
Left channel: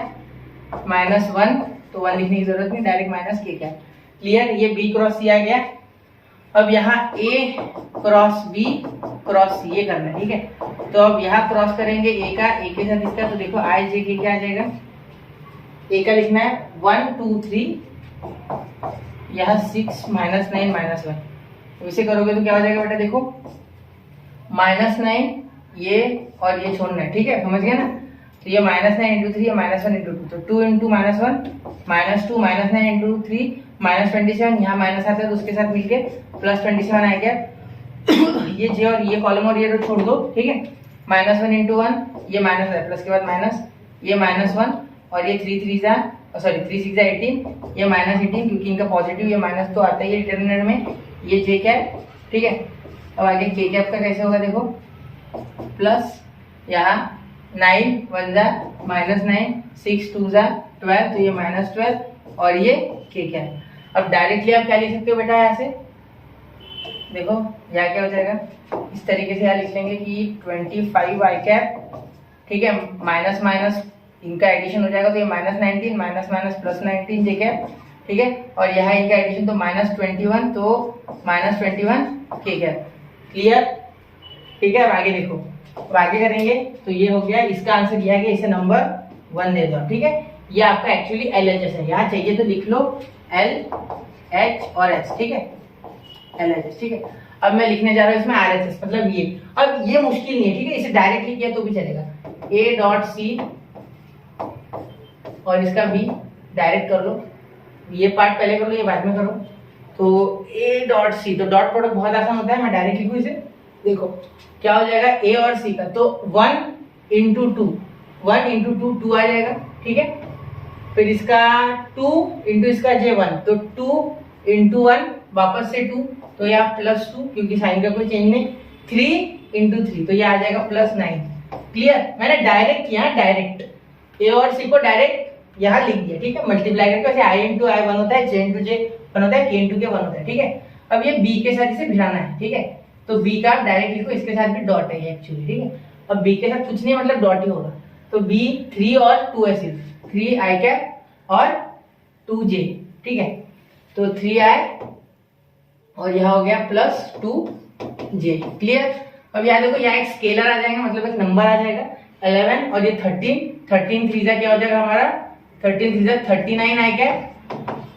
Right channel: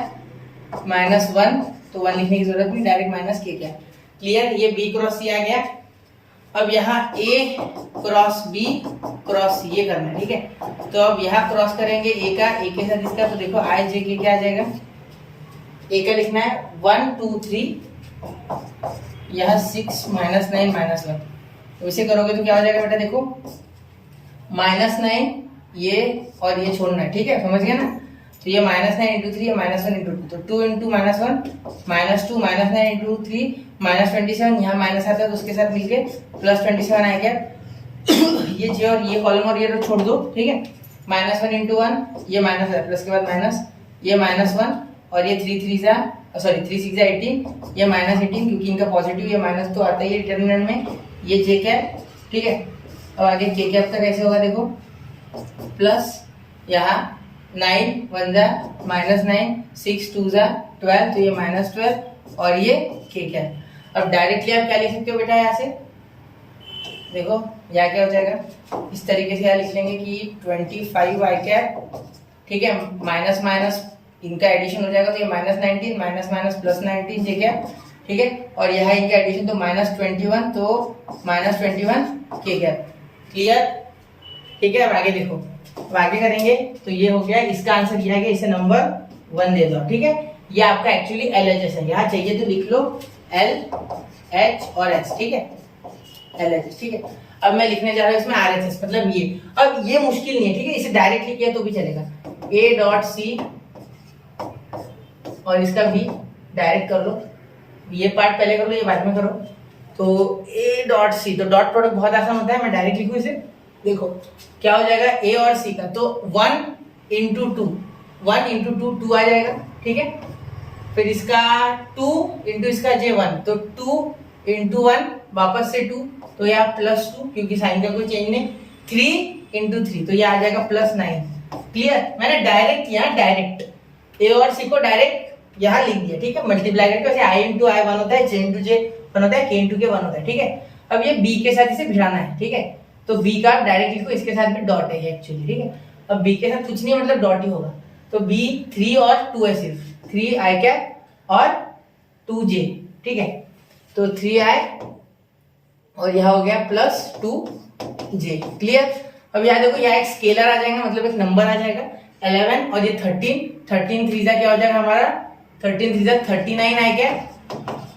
-1, तो 1 लिखने की जरूरत नहीं, direct minus K cap. Clear? ये B क्रॉस C आ गया। अब यहाँ A cross B cross C ये करना है, ठीक है? तो अब यहाँ क्रॉस करेंगे A का, A के साथ इसका, तो देखो I J K क्या आ जाएगा, A का लिखना है 1 2 3, यहाँ 6 -9 -1, तो इसे करोगे तो क्या हो जाएगा बेटा, देखो -9 ये और ये छोड़ना है, ठीक है? समझ गया ना? तो ये -9 इंटू 3 -1 इंटू 2, तो 2 इंटू -1 -2 -9 इंटू 3 -27, यहाँ माइनस आता है तो उसके साथ मिलके +27 आएगा। ये J और ये कॉलम और ये रो छोड़ दो, ठीक है? -1 इंटू 1, ये माइनस है, प्लस के बाद माइनस, ये -1 और ये 3 6 जा 18, ये -18, क्योंकि इनका पॉजिटिव, ये माइनस तो आता ही है डिटरमिनेंट में, ये J कैप, ठीक है? अब आगे K कैप का कैसे होगा, देखो प्लस यहाँ 9 1 जा -9 6 2 जा 12, तो ये -12 और ये K कैप। अब डायरेक्टली आप क्या लिख सकते हो बेटा, यहाँ से देखो यहाँ क्या हो जाएगा, इस तरीके से यहाँ लिख लेंगे कि 25 I कैप, ठीक है? माइनस माइनस इनका एडिशन हो जाएगा तो ये -19 माइनस माइनस +19 J कैप, ठीक है? और यहाँ इनका एडिशन तो -21, तो -21 K कैप। क्लियर? ठीक है? अब आगे देखो, अब आगे करेंगे तो ये हो गया, इसका आंसर ये है कि इसे नंबर 1 दे दो, ठीक है? ये आपका एक्चुअली LHS है, यहाँ चाहिए तो लिख लो L H और S, ठीक है? LHS, ठीक है? अब मैं लिखने जा रहा हूँ इसमें RHS, मतलब ये। अब ये मुश्किल नहीं है, ठीक है? इसे डायरेक्टली किया तो भी चलेगा, A.C और इसका B डायरेक्ट कर लो, ये पार्ट पहले कर लो, ये बाद में करो। तो A.C, तो डॉट प्रोडक्ट बहुत आसान होता है, मैं डायरेक्ट लिखूँ इसे, देखो क्या हो जाएगा A और C का, तो 1 इंटू 2 2 आ जाएगा, ठीक है? फिर इसका 2 इंटू इसका J1, तो 2 इंटू 1 वापस से 2, तो यहाँ +2, क्योंकि साइन का कोई चेंज नहीं, 3 इंटू 3, तो ये आ जाएगा +9। क्लियर? मैंने डायरेक्ट किया, डायरेक्ट A और C को डायरेक्ट यहाँ लिख दिया, ठीक है? मल्टीप्लाई करके, वैसे I इंटू I 1 होता है, J इंटू J 1 होता है, K इंटू K 1 होता है, ठीक है? अब ये B के साथ इसे भिड़ाना है, ठीक है? तो B का डायरेक्ट लिखो, इसके साथ भी डॉट है एक्चुअली, ठीक है? अब B के साथ कुछ नहीं है, मतलब डॉट ही होगा, तो B 3 और 2 है, सिर्फ 3 I कैप और 2 J, ठीक है? तो 3 I और यह हो गया +2 J। क्लियर? अब यहाँ देखो, यहाँ एक स्केलर आ जाएगा, मतलब एक नंबर आ जाएगा 11 और ये 13 3 जा क्या हो जाएगा हमारा, 13 3 जा 39 I कैप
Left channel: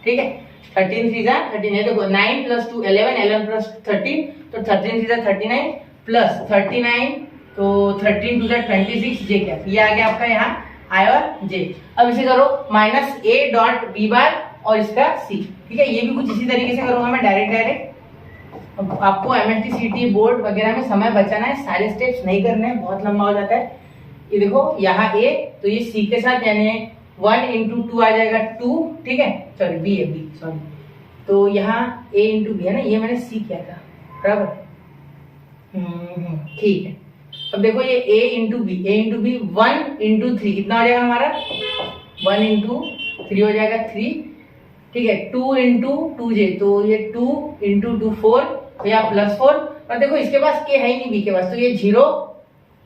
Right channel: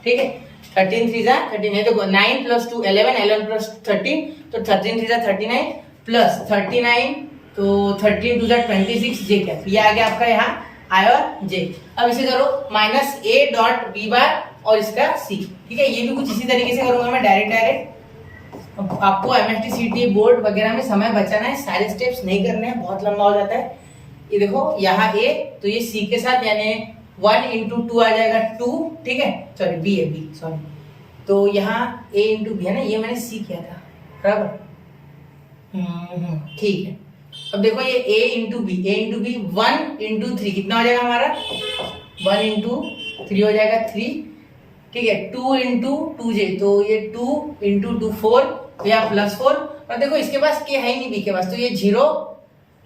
ठीक है, 13 3 13 है, देखो 9 + 2 11, 11 + 13 तो 13 3 39 प्लस 39 तो 13 2 26 जे कैप, ये आ गया आपका यहाँ आई और जे। अब इसे करो -a.b' और इसका c, ठीक है, ये भी कुछ इसी तरीके से करूंगा मैं डायरेक्ट। अब आपको MST CT बोर्ड वगैरह में समय बचाना है, सारे स्टेप्स नहीं करने हैं, बहुत लंबा हो जाता है। ये देखो यहाँ a तो ये c के साथ यानी 1 × 2 आ जाएगा 2, ठीक है, सॉरी b है b, सॉरी, तो यहाँ a × b है ना, ये मैंने c किया था बराबर, ठीक है। अब देखो ये a × b 1 × 3 कितना हो जाएगा हमारा, 1 × 3 हो जाएगा 3, ठीक है, 2 × 2j तो ये 2 × 2 4 या +4, और देखो इसके पास k है ही नहीं b के पास, तो ये 0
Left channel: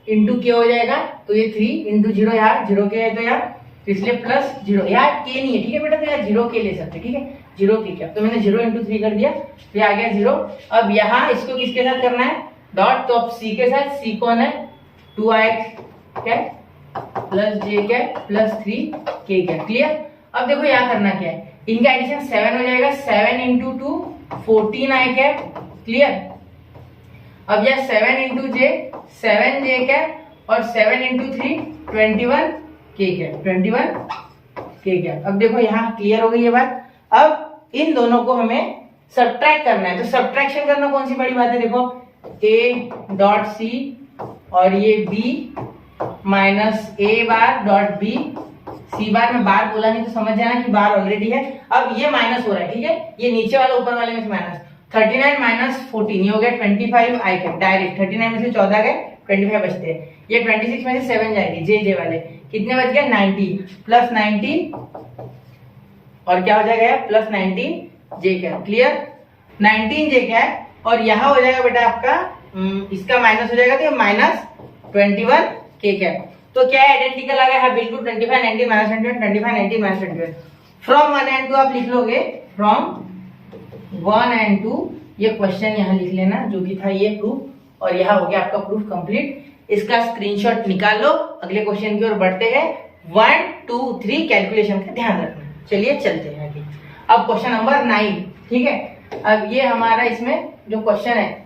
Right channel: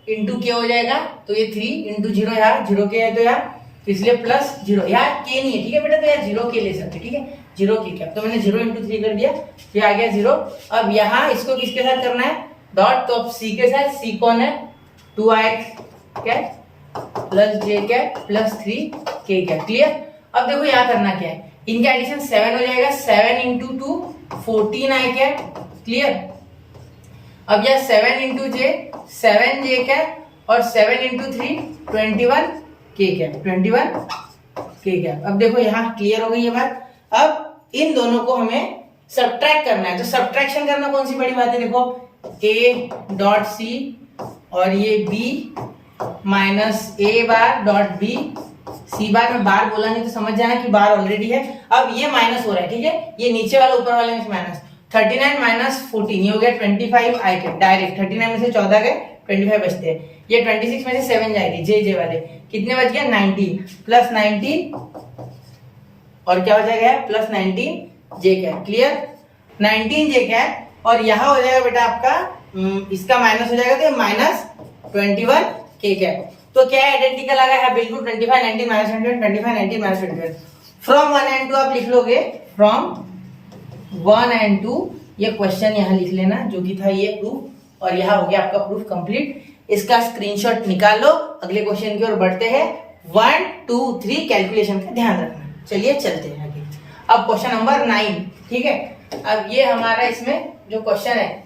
× k हो जाएगा, तो ये 3 × 0, यार 0 k है तो यार, तो इसलिए +0, यार k नहीं है, ठीक है बेटा, तो यार 0 k ले सकते, ठीक है, 0 k क्या, तो मैंने 0 × 3 कर दिया, फिर आ गया 0। अब यहाँ इसको किसके साथ करना है, डॉट, तो अब c के साथ, c कौन है, 2i cap plus j cap plus 3k cap, clear. अब देखो यहाँ करना क्या है, इनका एडिशन 7 हो जाएगा, 7 × 2 14i कैप, क्लियर। अब यह 7 × j 7j कैप और 7 × 3 21k कैप, 21k कैप। अब देखो यहाँ क्लियर हो गई ये बात। अब इन दोनों को हमें सब्ट्रैक्ट करना है, तो सब्ट्रैक्शन करना कौन सी बड़ी बात है, देखो a.c और ये b -a'.b, c बार में बार बोला नहीं तो समझ जाना कि बार ऑलरेडी है। अब ये माइनस हो रहा है, ठीक है, ये नीचे वाला ऊपर वाले में से माइनस, 39 - 14 ये हो गया 25 आई कैप, डायरेक्ट 39 में से 14 गए 25 बचते हैं, ये 26 में से 7 जाएगी जे वाले, कितने बच गया 19 प्लस 19 और क्या हो जाएगा प्लस 19 जे कैप, क्लियर, 19 जे कैप। और यहाँ हो जाएगा बेटा आपका इसका माइनस हो जाएगा, तो -21 k कैप, तो क्या आइडेंटिकल आ गया है, बिल्कुल 25 19 -21 25 19 -21। फ्रॉम 1 and 2 आप लिख लोगे, फ्रॉम 1 and 2, ये क्वेश्चन यहाँ लिख लेना जो कि था ये प्रूफ, और यहाँ हो गया आपका प्रूफ कंप्लीट। इसका स्क्रीनशॉट निकाल लो, अगले क्वेश्चन की ओर बढ़ते हैं। 1 2 3 कैलकुलेशन का ध्यान रखना। चलिए चलते हैं आगे। अब क्वेश्चन नंबर 9, ठीक है। अब ये हमारा इसमें जो क्वेश्चन है,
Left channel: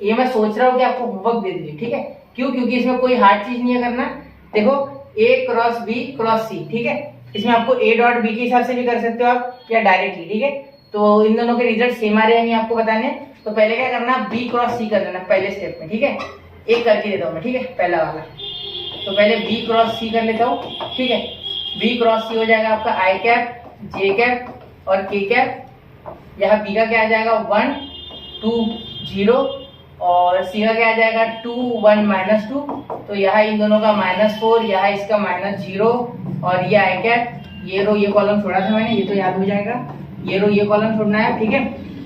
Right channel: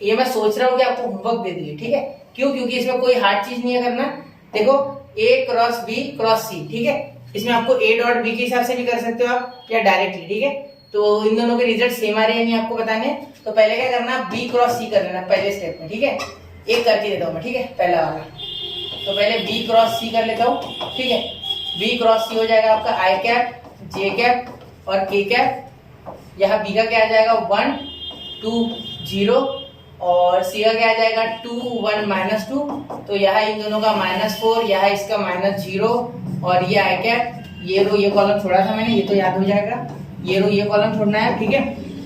ये मैं सोच रहा हूँ कि आपको होमवर्क दे दीजिए, ठीक है, क्यों, क्योंकि इसमें कोई हार्ड चीज नहीं है करना। देखो a cross b cross c, ठीक है, इसमें आपको a.b के हिसाब से भी कर सकते हो आप, या डायरेक्टली, ठीक है, तो इन दोनों के रिजल्ट सेम आ रहे हैं नहीं आपको बताने, तो पहले क्या करना, b क्रॉस c कर लेना पहले स्टेप में, ठीक है, एक करके देता हूँ मैं, ठीक है, पहला वाला, तो पहले b क्रॉस c कर लेता हूँ, ठीक है, b क्रॉस c हो जाएगा आपका i कैप j कैप और k कैप, यहाँ b का क्या आ जाएगा 1 2 0 और c का क्या आ जाएगा 2 1 -2, तो यहाँ इन दोनों का -4, यहाँ इसका -0 और ये आई कैप, ये रो ये कॉलम छोड़ा था मैंने, ये तो याद हो जाएगा, ये रो ये कॉलम छोड़ना है, ठीक है।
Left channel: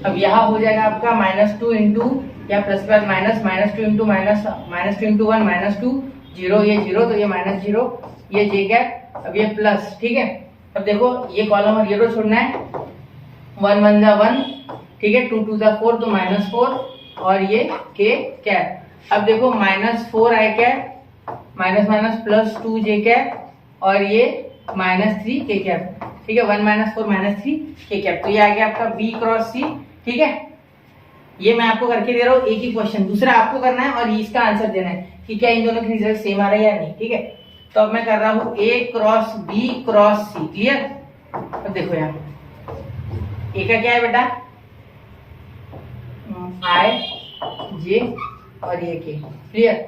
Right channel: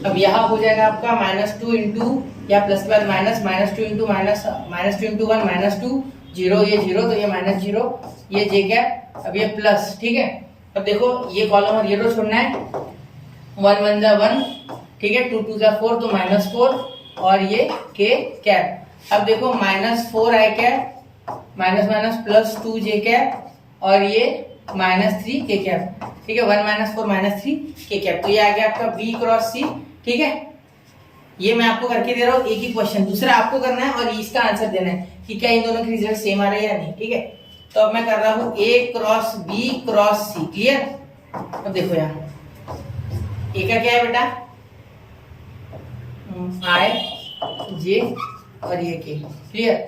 अब यहाँ हो जाएगा आपका -2 इंटू या प्लस के बाद -2 इंटू -2 इंटू 1 -2 0, ये 0 तो ये -0, ये जे कैप, अब ये प्लस, ठीक है। अब देखो ये कॉलम और ये रो छोड़ना है, 1 1 जा 1, ठीक है, 2 2 जा 4 तो -4 और ये के कैप। अब देखो -4 आई कैप +2 जे कैप और ये -3 के कैप, ठीक है, 1 -4 -3 के कैप, तो ये आ गया आपका b क्रॉस c, ठीक है। ये मैं आपको करके दे रहा हूँ एक ही क्वेश्चन, दूसरा आपको करना है और इसका आंसर देना है कि क्या इन दोनों के रिजल्ट सेम आ रहे हैं या नहीं, ठीक है। तो अब मैं कर रहा हूँ a cross b cross c, clear. अब देखो यहाँ a का क्या है बेटा i j और ये k, क्लियर।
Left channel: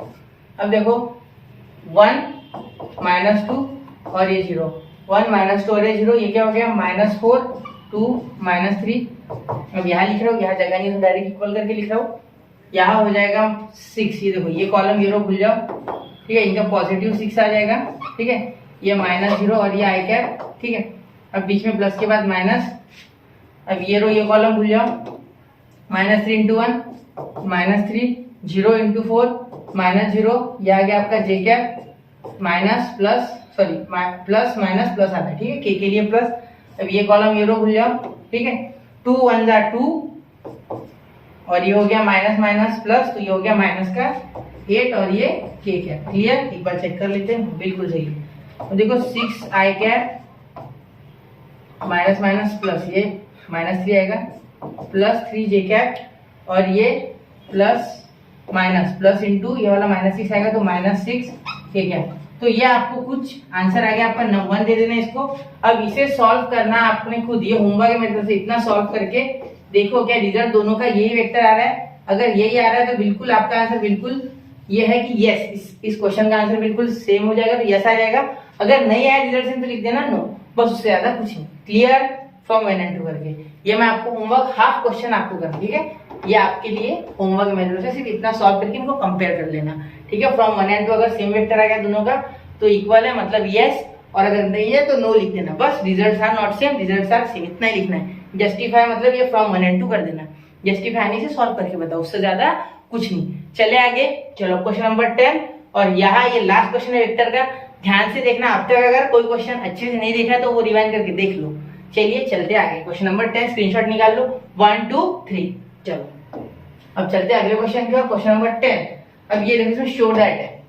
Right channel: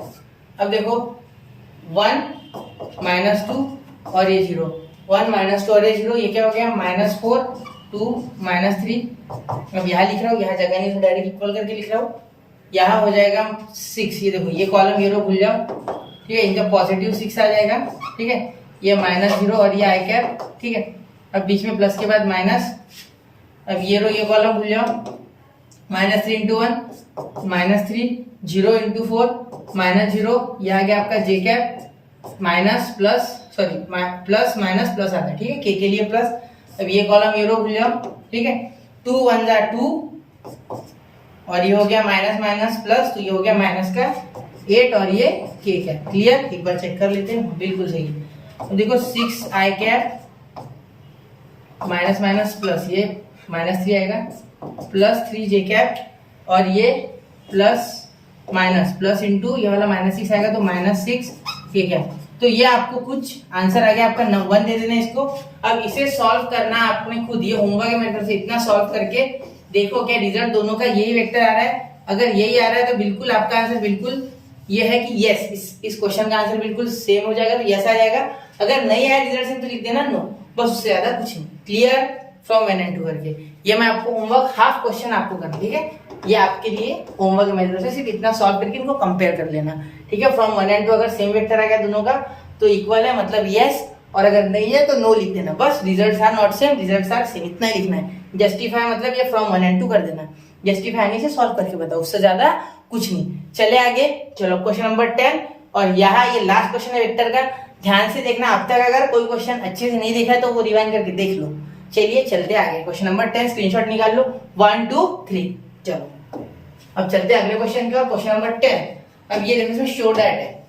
अब देखो 1 -2 और ये 0, 1 -2 और ये 0, ये क्या हो गया -4 2 -3। अब यहाँ लिख रहा हूँ, यहाँ जगह नहीं तो डायरेक्ट इक्वल करके लिख रहा हूँ, यहाँ हो जाएगा 6, ये देखो ये कॉलम ये रो भूल जाओ, ठीक है, इनका पॉजिटिव 6 आ जाएगा, ठीक है, ये -0 और ये आई कैप, ठीक है। अब बीच में प्लस के बाद माइनस, अब ये रो ये कॉलम भूल जाओ, -3 इंटू 1 -3 0 इंटू 4 -0, ये आ गया आपका J cap minus plus sorry plus minus plus आता है, ठीक है, के लिए प्लस। अब ये कॉलम ये रो भूल जाओ, ठीक है, 2 1 जा 2 और ये हो गया माइनस माइनस प्लस, तो ये हो गया माइनस का 8 और ये के कैप, क्लियर। एक बार चेक कर लेते हैं, बिल्कुल सही है। तो देखो 6 आई कैप माइनस माइनस प्लस, ये -3 आएगा, +3 कैप और ये प्लस माइनस प्लस इंटू ये वाला -6 आएगा तो -6 कैप। तो ये आपको कुछ आंसर आ गया आपका 1 दे देना इसको। अब इसे सॉल्व करना आपने खुद, ये होमवर्क है मेरी तरफ से, इतना सॉल्व करके देखो क्या रिजल्ट दोनों का यही वेक्टर आ रहा है। अगर यही आ रहा है तो बिल्कुल आपका आंसर बिल्कुल ये है कि यस, इस क्वेश्चन का आंसर बिल्कुल सेम हो जाएगा, तो यस आ जाएगा। अगर नहीं आया रिजल्ट से तो लिख देना नो, बस उससे ज्यादा कुछ नहीं। क्लियर फ्रॉम 1 and 2 करके ये मैं आपको होमवर्क हाफ क्वेश्चन आपको करना, ठीक है। ये आपके लिए होमवर्क मेरी तरफ से, सिर्फ इतना सॉल्व करके इनको कंपेयर कर लेना, ठीक है। फ्रॉम 1 and 2 अगर सेम वेक्टर आ गया दोनों का तो इक्वल है, मतलब यस, और अगर नहीं है तो नो लिख देना। बस results are not same, results are same, इतना ही लिखना है। जस्टिफाई मतलब ये फ्रॉम 1 and 2 कर देना, जस्टिफाई नहीं से सॉल्व करके बताओ, उससे ज्यादा कुछ नहीं। चले आगे, चलो क्वेश्चन नंबर 10, और यहाँ ये लास्ट क्वेश्चन है वेक्टर का। ध्यान से देखना, अब तक अगर कोई क्वेश्चन अच्छे से नहीं देखा तो वो रिवाइंड करके देख लो। चलिए चलते आगे, क्वेश्चन नंबर 10 स्क्रीनशॉट निकाल लो, 1 2 3। चलो अब चलते अगले क्वेश्चन की ओर, क्वेश्चन नंबर 10। अब ये देखो इसमें शो दैट है।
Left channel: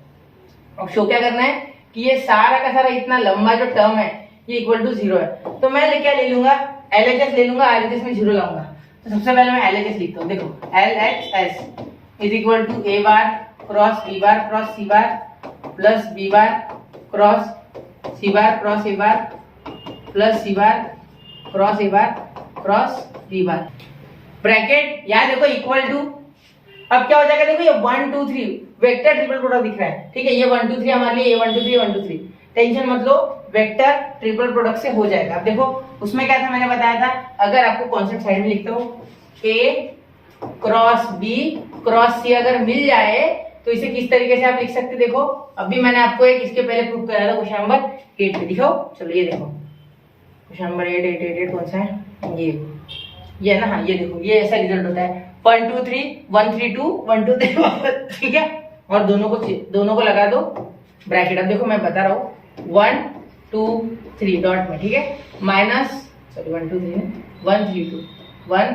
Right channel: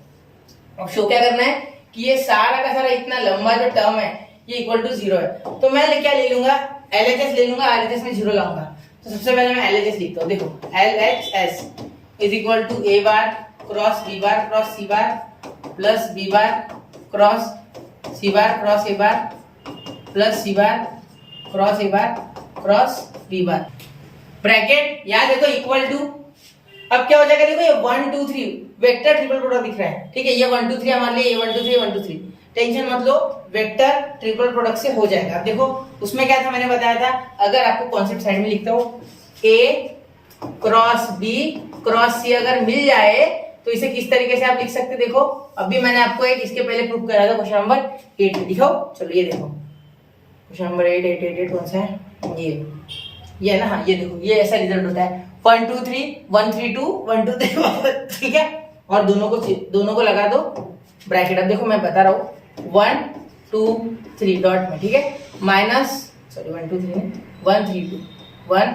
अब शो क्या करना है कि ये सारा का सारा इतना लंबा जो टर्म है ये इक्वल टू 0 है। तो मैं क्या ले लूंगा, LHS ले लूंगा, RHS में 0 लाऊंगा। तो सबसे पहले मैं LHS लिखता हूँ, देखो LHS is equal to A bar cross B bar cross C bar plus B bar cross C bar cross A bar plus C bar cross A bar cross B bar, bracket यहाँ देखो इक्वल टू। अब क्या हो जाएगा, देखो ये 1 2 3 वेक्टर ट्रिपल प्रोडक्ट दिख रहा है, ठीक है। ये 1 2 3 हमारे लिए, ये 1 2 3 1 2 3, टेंशन मत लो, वेक्टर ट्रिपल प्रोडक्ट से हो जाएगा। अब देखो उसमें क्या था, मैंने बताया था, अगर आपको कॉन्सेप्ट साइड में लिखता हूँ, A cross B cross C अगर मिल जाए तो इसे किस तरीके से आप लिख सकते, देखो अभी मैंने आपको एक इसके पहले प्रूफ कराया था क्वेश्चन नंबर 8 में, दिखाओ। चलो ये देखो क्वेश्चन नंबर 8 कौन सा है, ये ना, हाँ ये देखो, ये ऐसा रिजल्ट होता है 1 2 3 1 3 2 1 2 3, ठीक है। और दोनों को लगा दो ब्रैकेट। अब देखो मैं बता रहा हूँ 1 2 3 डॉट में, ठीक है, माइनस 1 2 3 1 3 2 1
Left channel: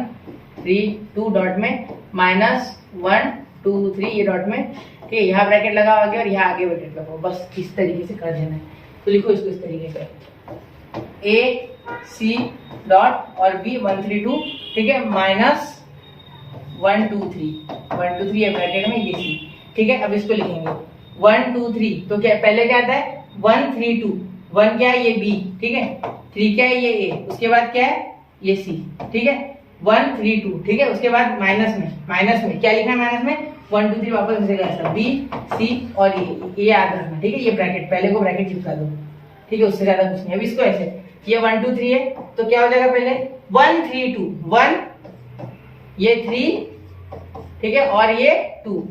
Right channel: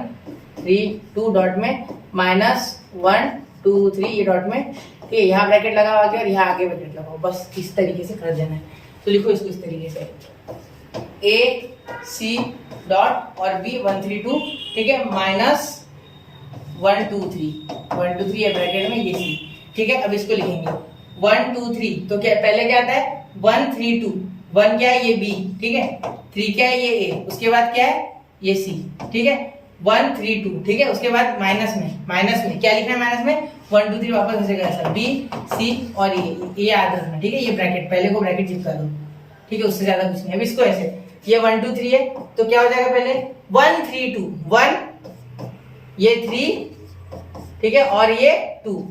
3 2 डॉट में माइनस 1 2 3 ये डॉट में, ठीक है। यहाँ ब्रैकेट लगाओ आगे और यहाँ आगे ब्रैकेट लगाओ, बस इस तरीके से कर देना है। तो लिखो इसको इस तरीके से, A C डॉट और B 1 3 2, ठीक है, माइनस 1 2 3 है ब्रैकेट में, ये C, ठीक है। अब इसको लिखेंगे 1 2 3, तो क्या पहले क्या आता है 1 3 2, 1 क्या है ये B, ठीक है, 3 क्या है ये A, उसके बाद क्या है ये C, ठीक है, 1 3 2, ठीक है। उसके बाद माइनस में क्या लिखना है, माइनस में 1 2 3 वापस ऐसे ऐसा B C और ये याद रखना, ठीक है। ये ब्रैकेट पहले को ब्रैकेट चिपका दो, ठीक है, उससे ज्यादा कुछ नहीं। अब इसको ऐसे, ये 1 2 3 है तो क्या हो जाएगा, पहले 1 3 2 1, ये 3, ठीक है, और ये 2,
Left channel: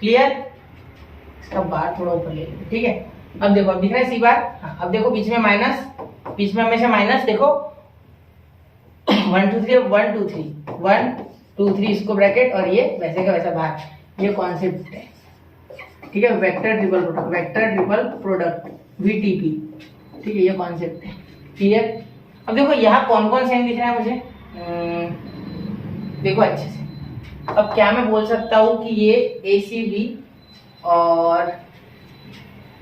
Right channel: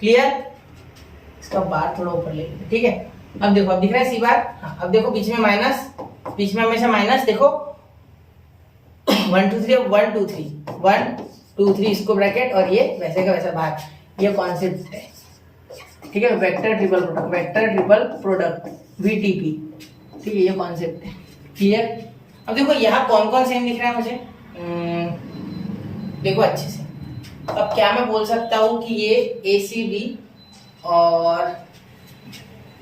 क्लियर। इसका बार थोड़ा ऊपर ले लेते, ठीक है। अब देखो, अब दिख रहा है सी बार, हाँ। अब देखो बीच में माइनस, बीच में हमेशा माइनस, देखो 1 2 3 1 2 3 1 2 3 इसको ब्रैकेट और ये वैसे का वैसा बाहर। ये कॉन्सेप्ट है, ठीक है, वेक्टर ट्रिपल प्रोडक्ट VTP, ठीक है, ये कॉन्सेप्ट है, क्लियर। अब देखो यहाँ कौन कौन सेम दिख रहा है मुझे, देखो अच्छे से। अब क्या मैं बोल सकता हूँ कि ये ACB और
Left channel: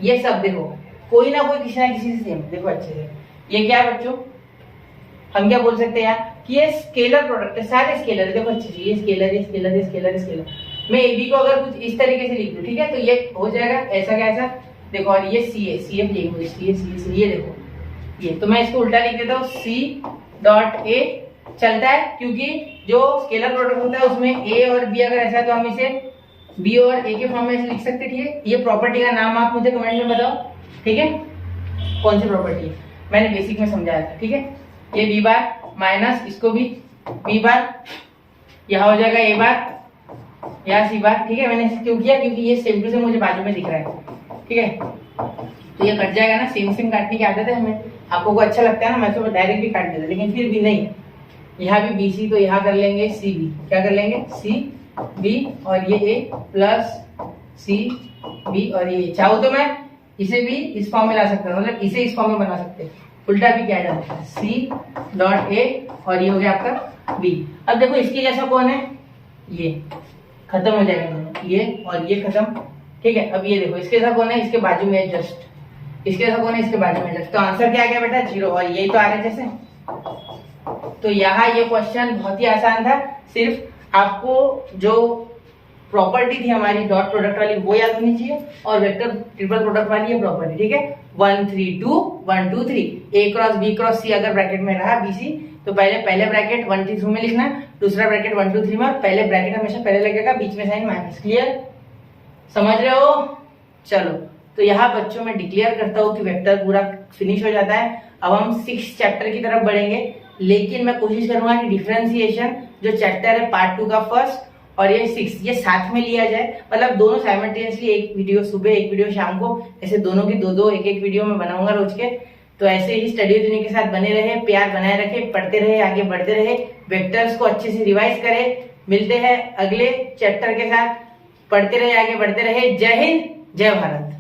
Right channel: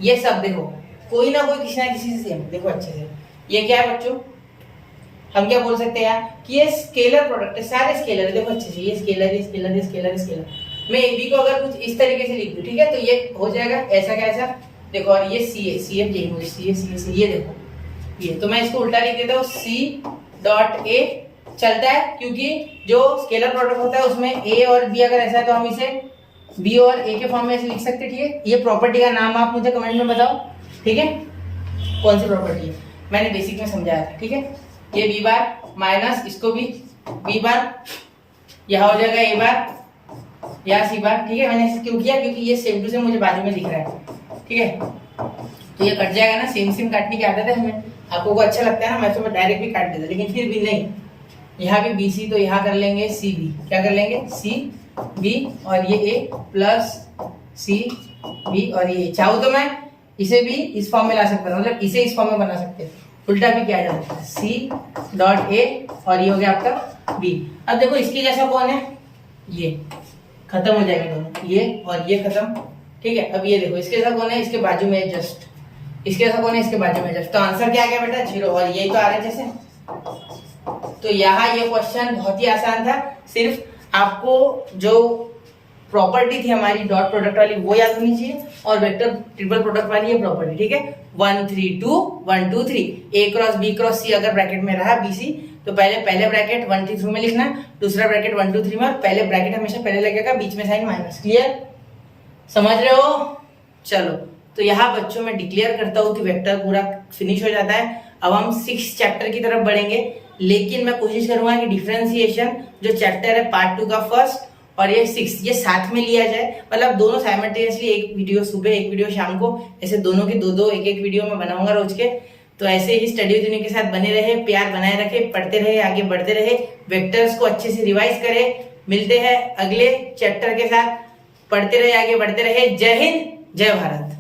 ये सब देखो कोई ना कोई किसी ना किसी से सेम, देखो अच्छे से। ये क्या है बच्चों, हम क्या बोल सकते हैं यार कि ये स्केलर प्रोडक्ट है, सारे स्केलर है, देखो अच्छे से, ये स्केलर, ये स्केलर, ये स्केलर, ये स्केलर। मैं AB को अगर कुछ इस तरीके से लिख दूं, ठीक है, तो ये हो जाएगा ऐसा क्या ऐसा, देखो। और ये CA चाहिए मुझे, CA, ये देखो ये, तो मैं इसको उल्टा लिख देता हूँ, C डॉट A चलता है, क्योंकि जो स्केलर प्रोडक्ट होता है उसमें A और B अगर ऐसा है तो हम इसे B और A के फॉर्म में ऐसे लिख सकते हैं, ठीक है। ये प्रॉपर्टी का नाम आप मुझे कमेंट में बताओ, ठीक है, कौन सी प्रॉपर्टी है, मैंने बेसिक में समझाया था, ठीक है। ये B बार माइनस इसको भी B बार, यहाँ हो जाएगा A बार, यहाँ C बार, ठीक है। मैंने क्यों किया, क्योंकि ये सेम टू सेम मुझे बाजू में दिख रहा है, ठीक है। तो ये कट जाएगा ना, सेम काटने की आदत है हमें, आपको को अच्छा लगता है ना, मैं तो डायरेक्ट भी काट देता, लेकिन फिर भी नहीं, यहाँ भी BC तो यहाँ कर लेंगे CB, क्या कर लेंगे CB, और ये A प्लस CB, और ये चाहूँ तो मैं इसे भी इस फॉर्म में ला सकता हूँ, मतलब इसे इस फॉर्म में बना सकते हैं, उल्टा भी किया जा सकता है, C डॉट A और ये हो गया आपका B। अब देखो इसके जैसा कौन है, ये खत्म हो जाएंगे दोनों, ये और ये खत्म, ठीक है। अब ये देखो इसके जैसा कौन है, इसके बाजू में जस्ट, इसके जैसा कौन है, इसके बाजू में जस्ट। तो आंसर क्या आ गया बेटा 0, और यही तो आ रहा है जैसे, तो यहाँ ये क्वेश्चन बहुत ही आसान था, सिर्फ आपको जो प्रॉपर्टी थी हमारी डॉट प्रोडक्ट वाली वो याद होनी चाहिए और वेक्टर ट्रिपल प्रोडक्ट वाली ये प्रॉपर्टी, ठीक है। 1 3 2 1 2 3 ए क्रॉस बी क्रॉस सी अगर ब्रैकेट में रहा BC तो पहले ब्रैकेट 1 3 में लिखना, दूसरा ब्रैकेट 1 2 3 में, और पहले ब्रैकेट हमेशा पहले लगेगा, बीच में साइन माइनस। क्लियर, समझ रहे हो? चलो, तो यहाँ बच्चों में डिक्लेयर करता हूँ कि वेक्टर पूरा फिनिश हो जाता है। अब हम 6 चैप्टर की तरफ बढ़ेंगे, लेकिन मैं कोशिश करूंगा कि डिफरेंशिएशन जो चैप्टर है पार्ट 2 का फर्स्ट और ये 6 ये साथ में लिया जाए, मतलब दोनों साइमल्टेनियसली, एक वीडियो सुबह एक वीडियो शाम को, ऐसे दोनों की दो एक वीडियो में बनाऊंगा रोज के। तो ऐसे ही स्टडी विद यूनिक के साथ बने रहे, प्यार बनाए रखे, पढ़ते रहे, आगे बढ़ते रहे, वेक्टर्स को अच्छे से रिवाइज करें। मिलते हैं अगले चैप्टर के साथ, पढ़ते रहे, आगे बढ़ते रहे। जय हिंद, जय भारत।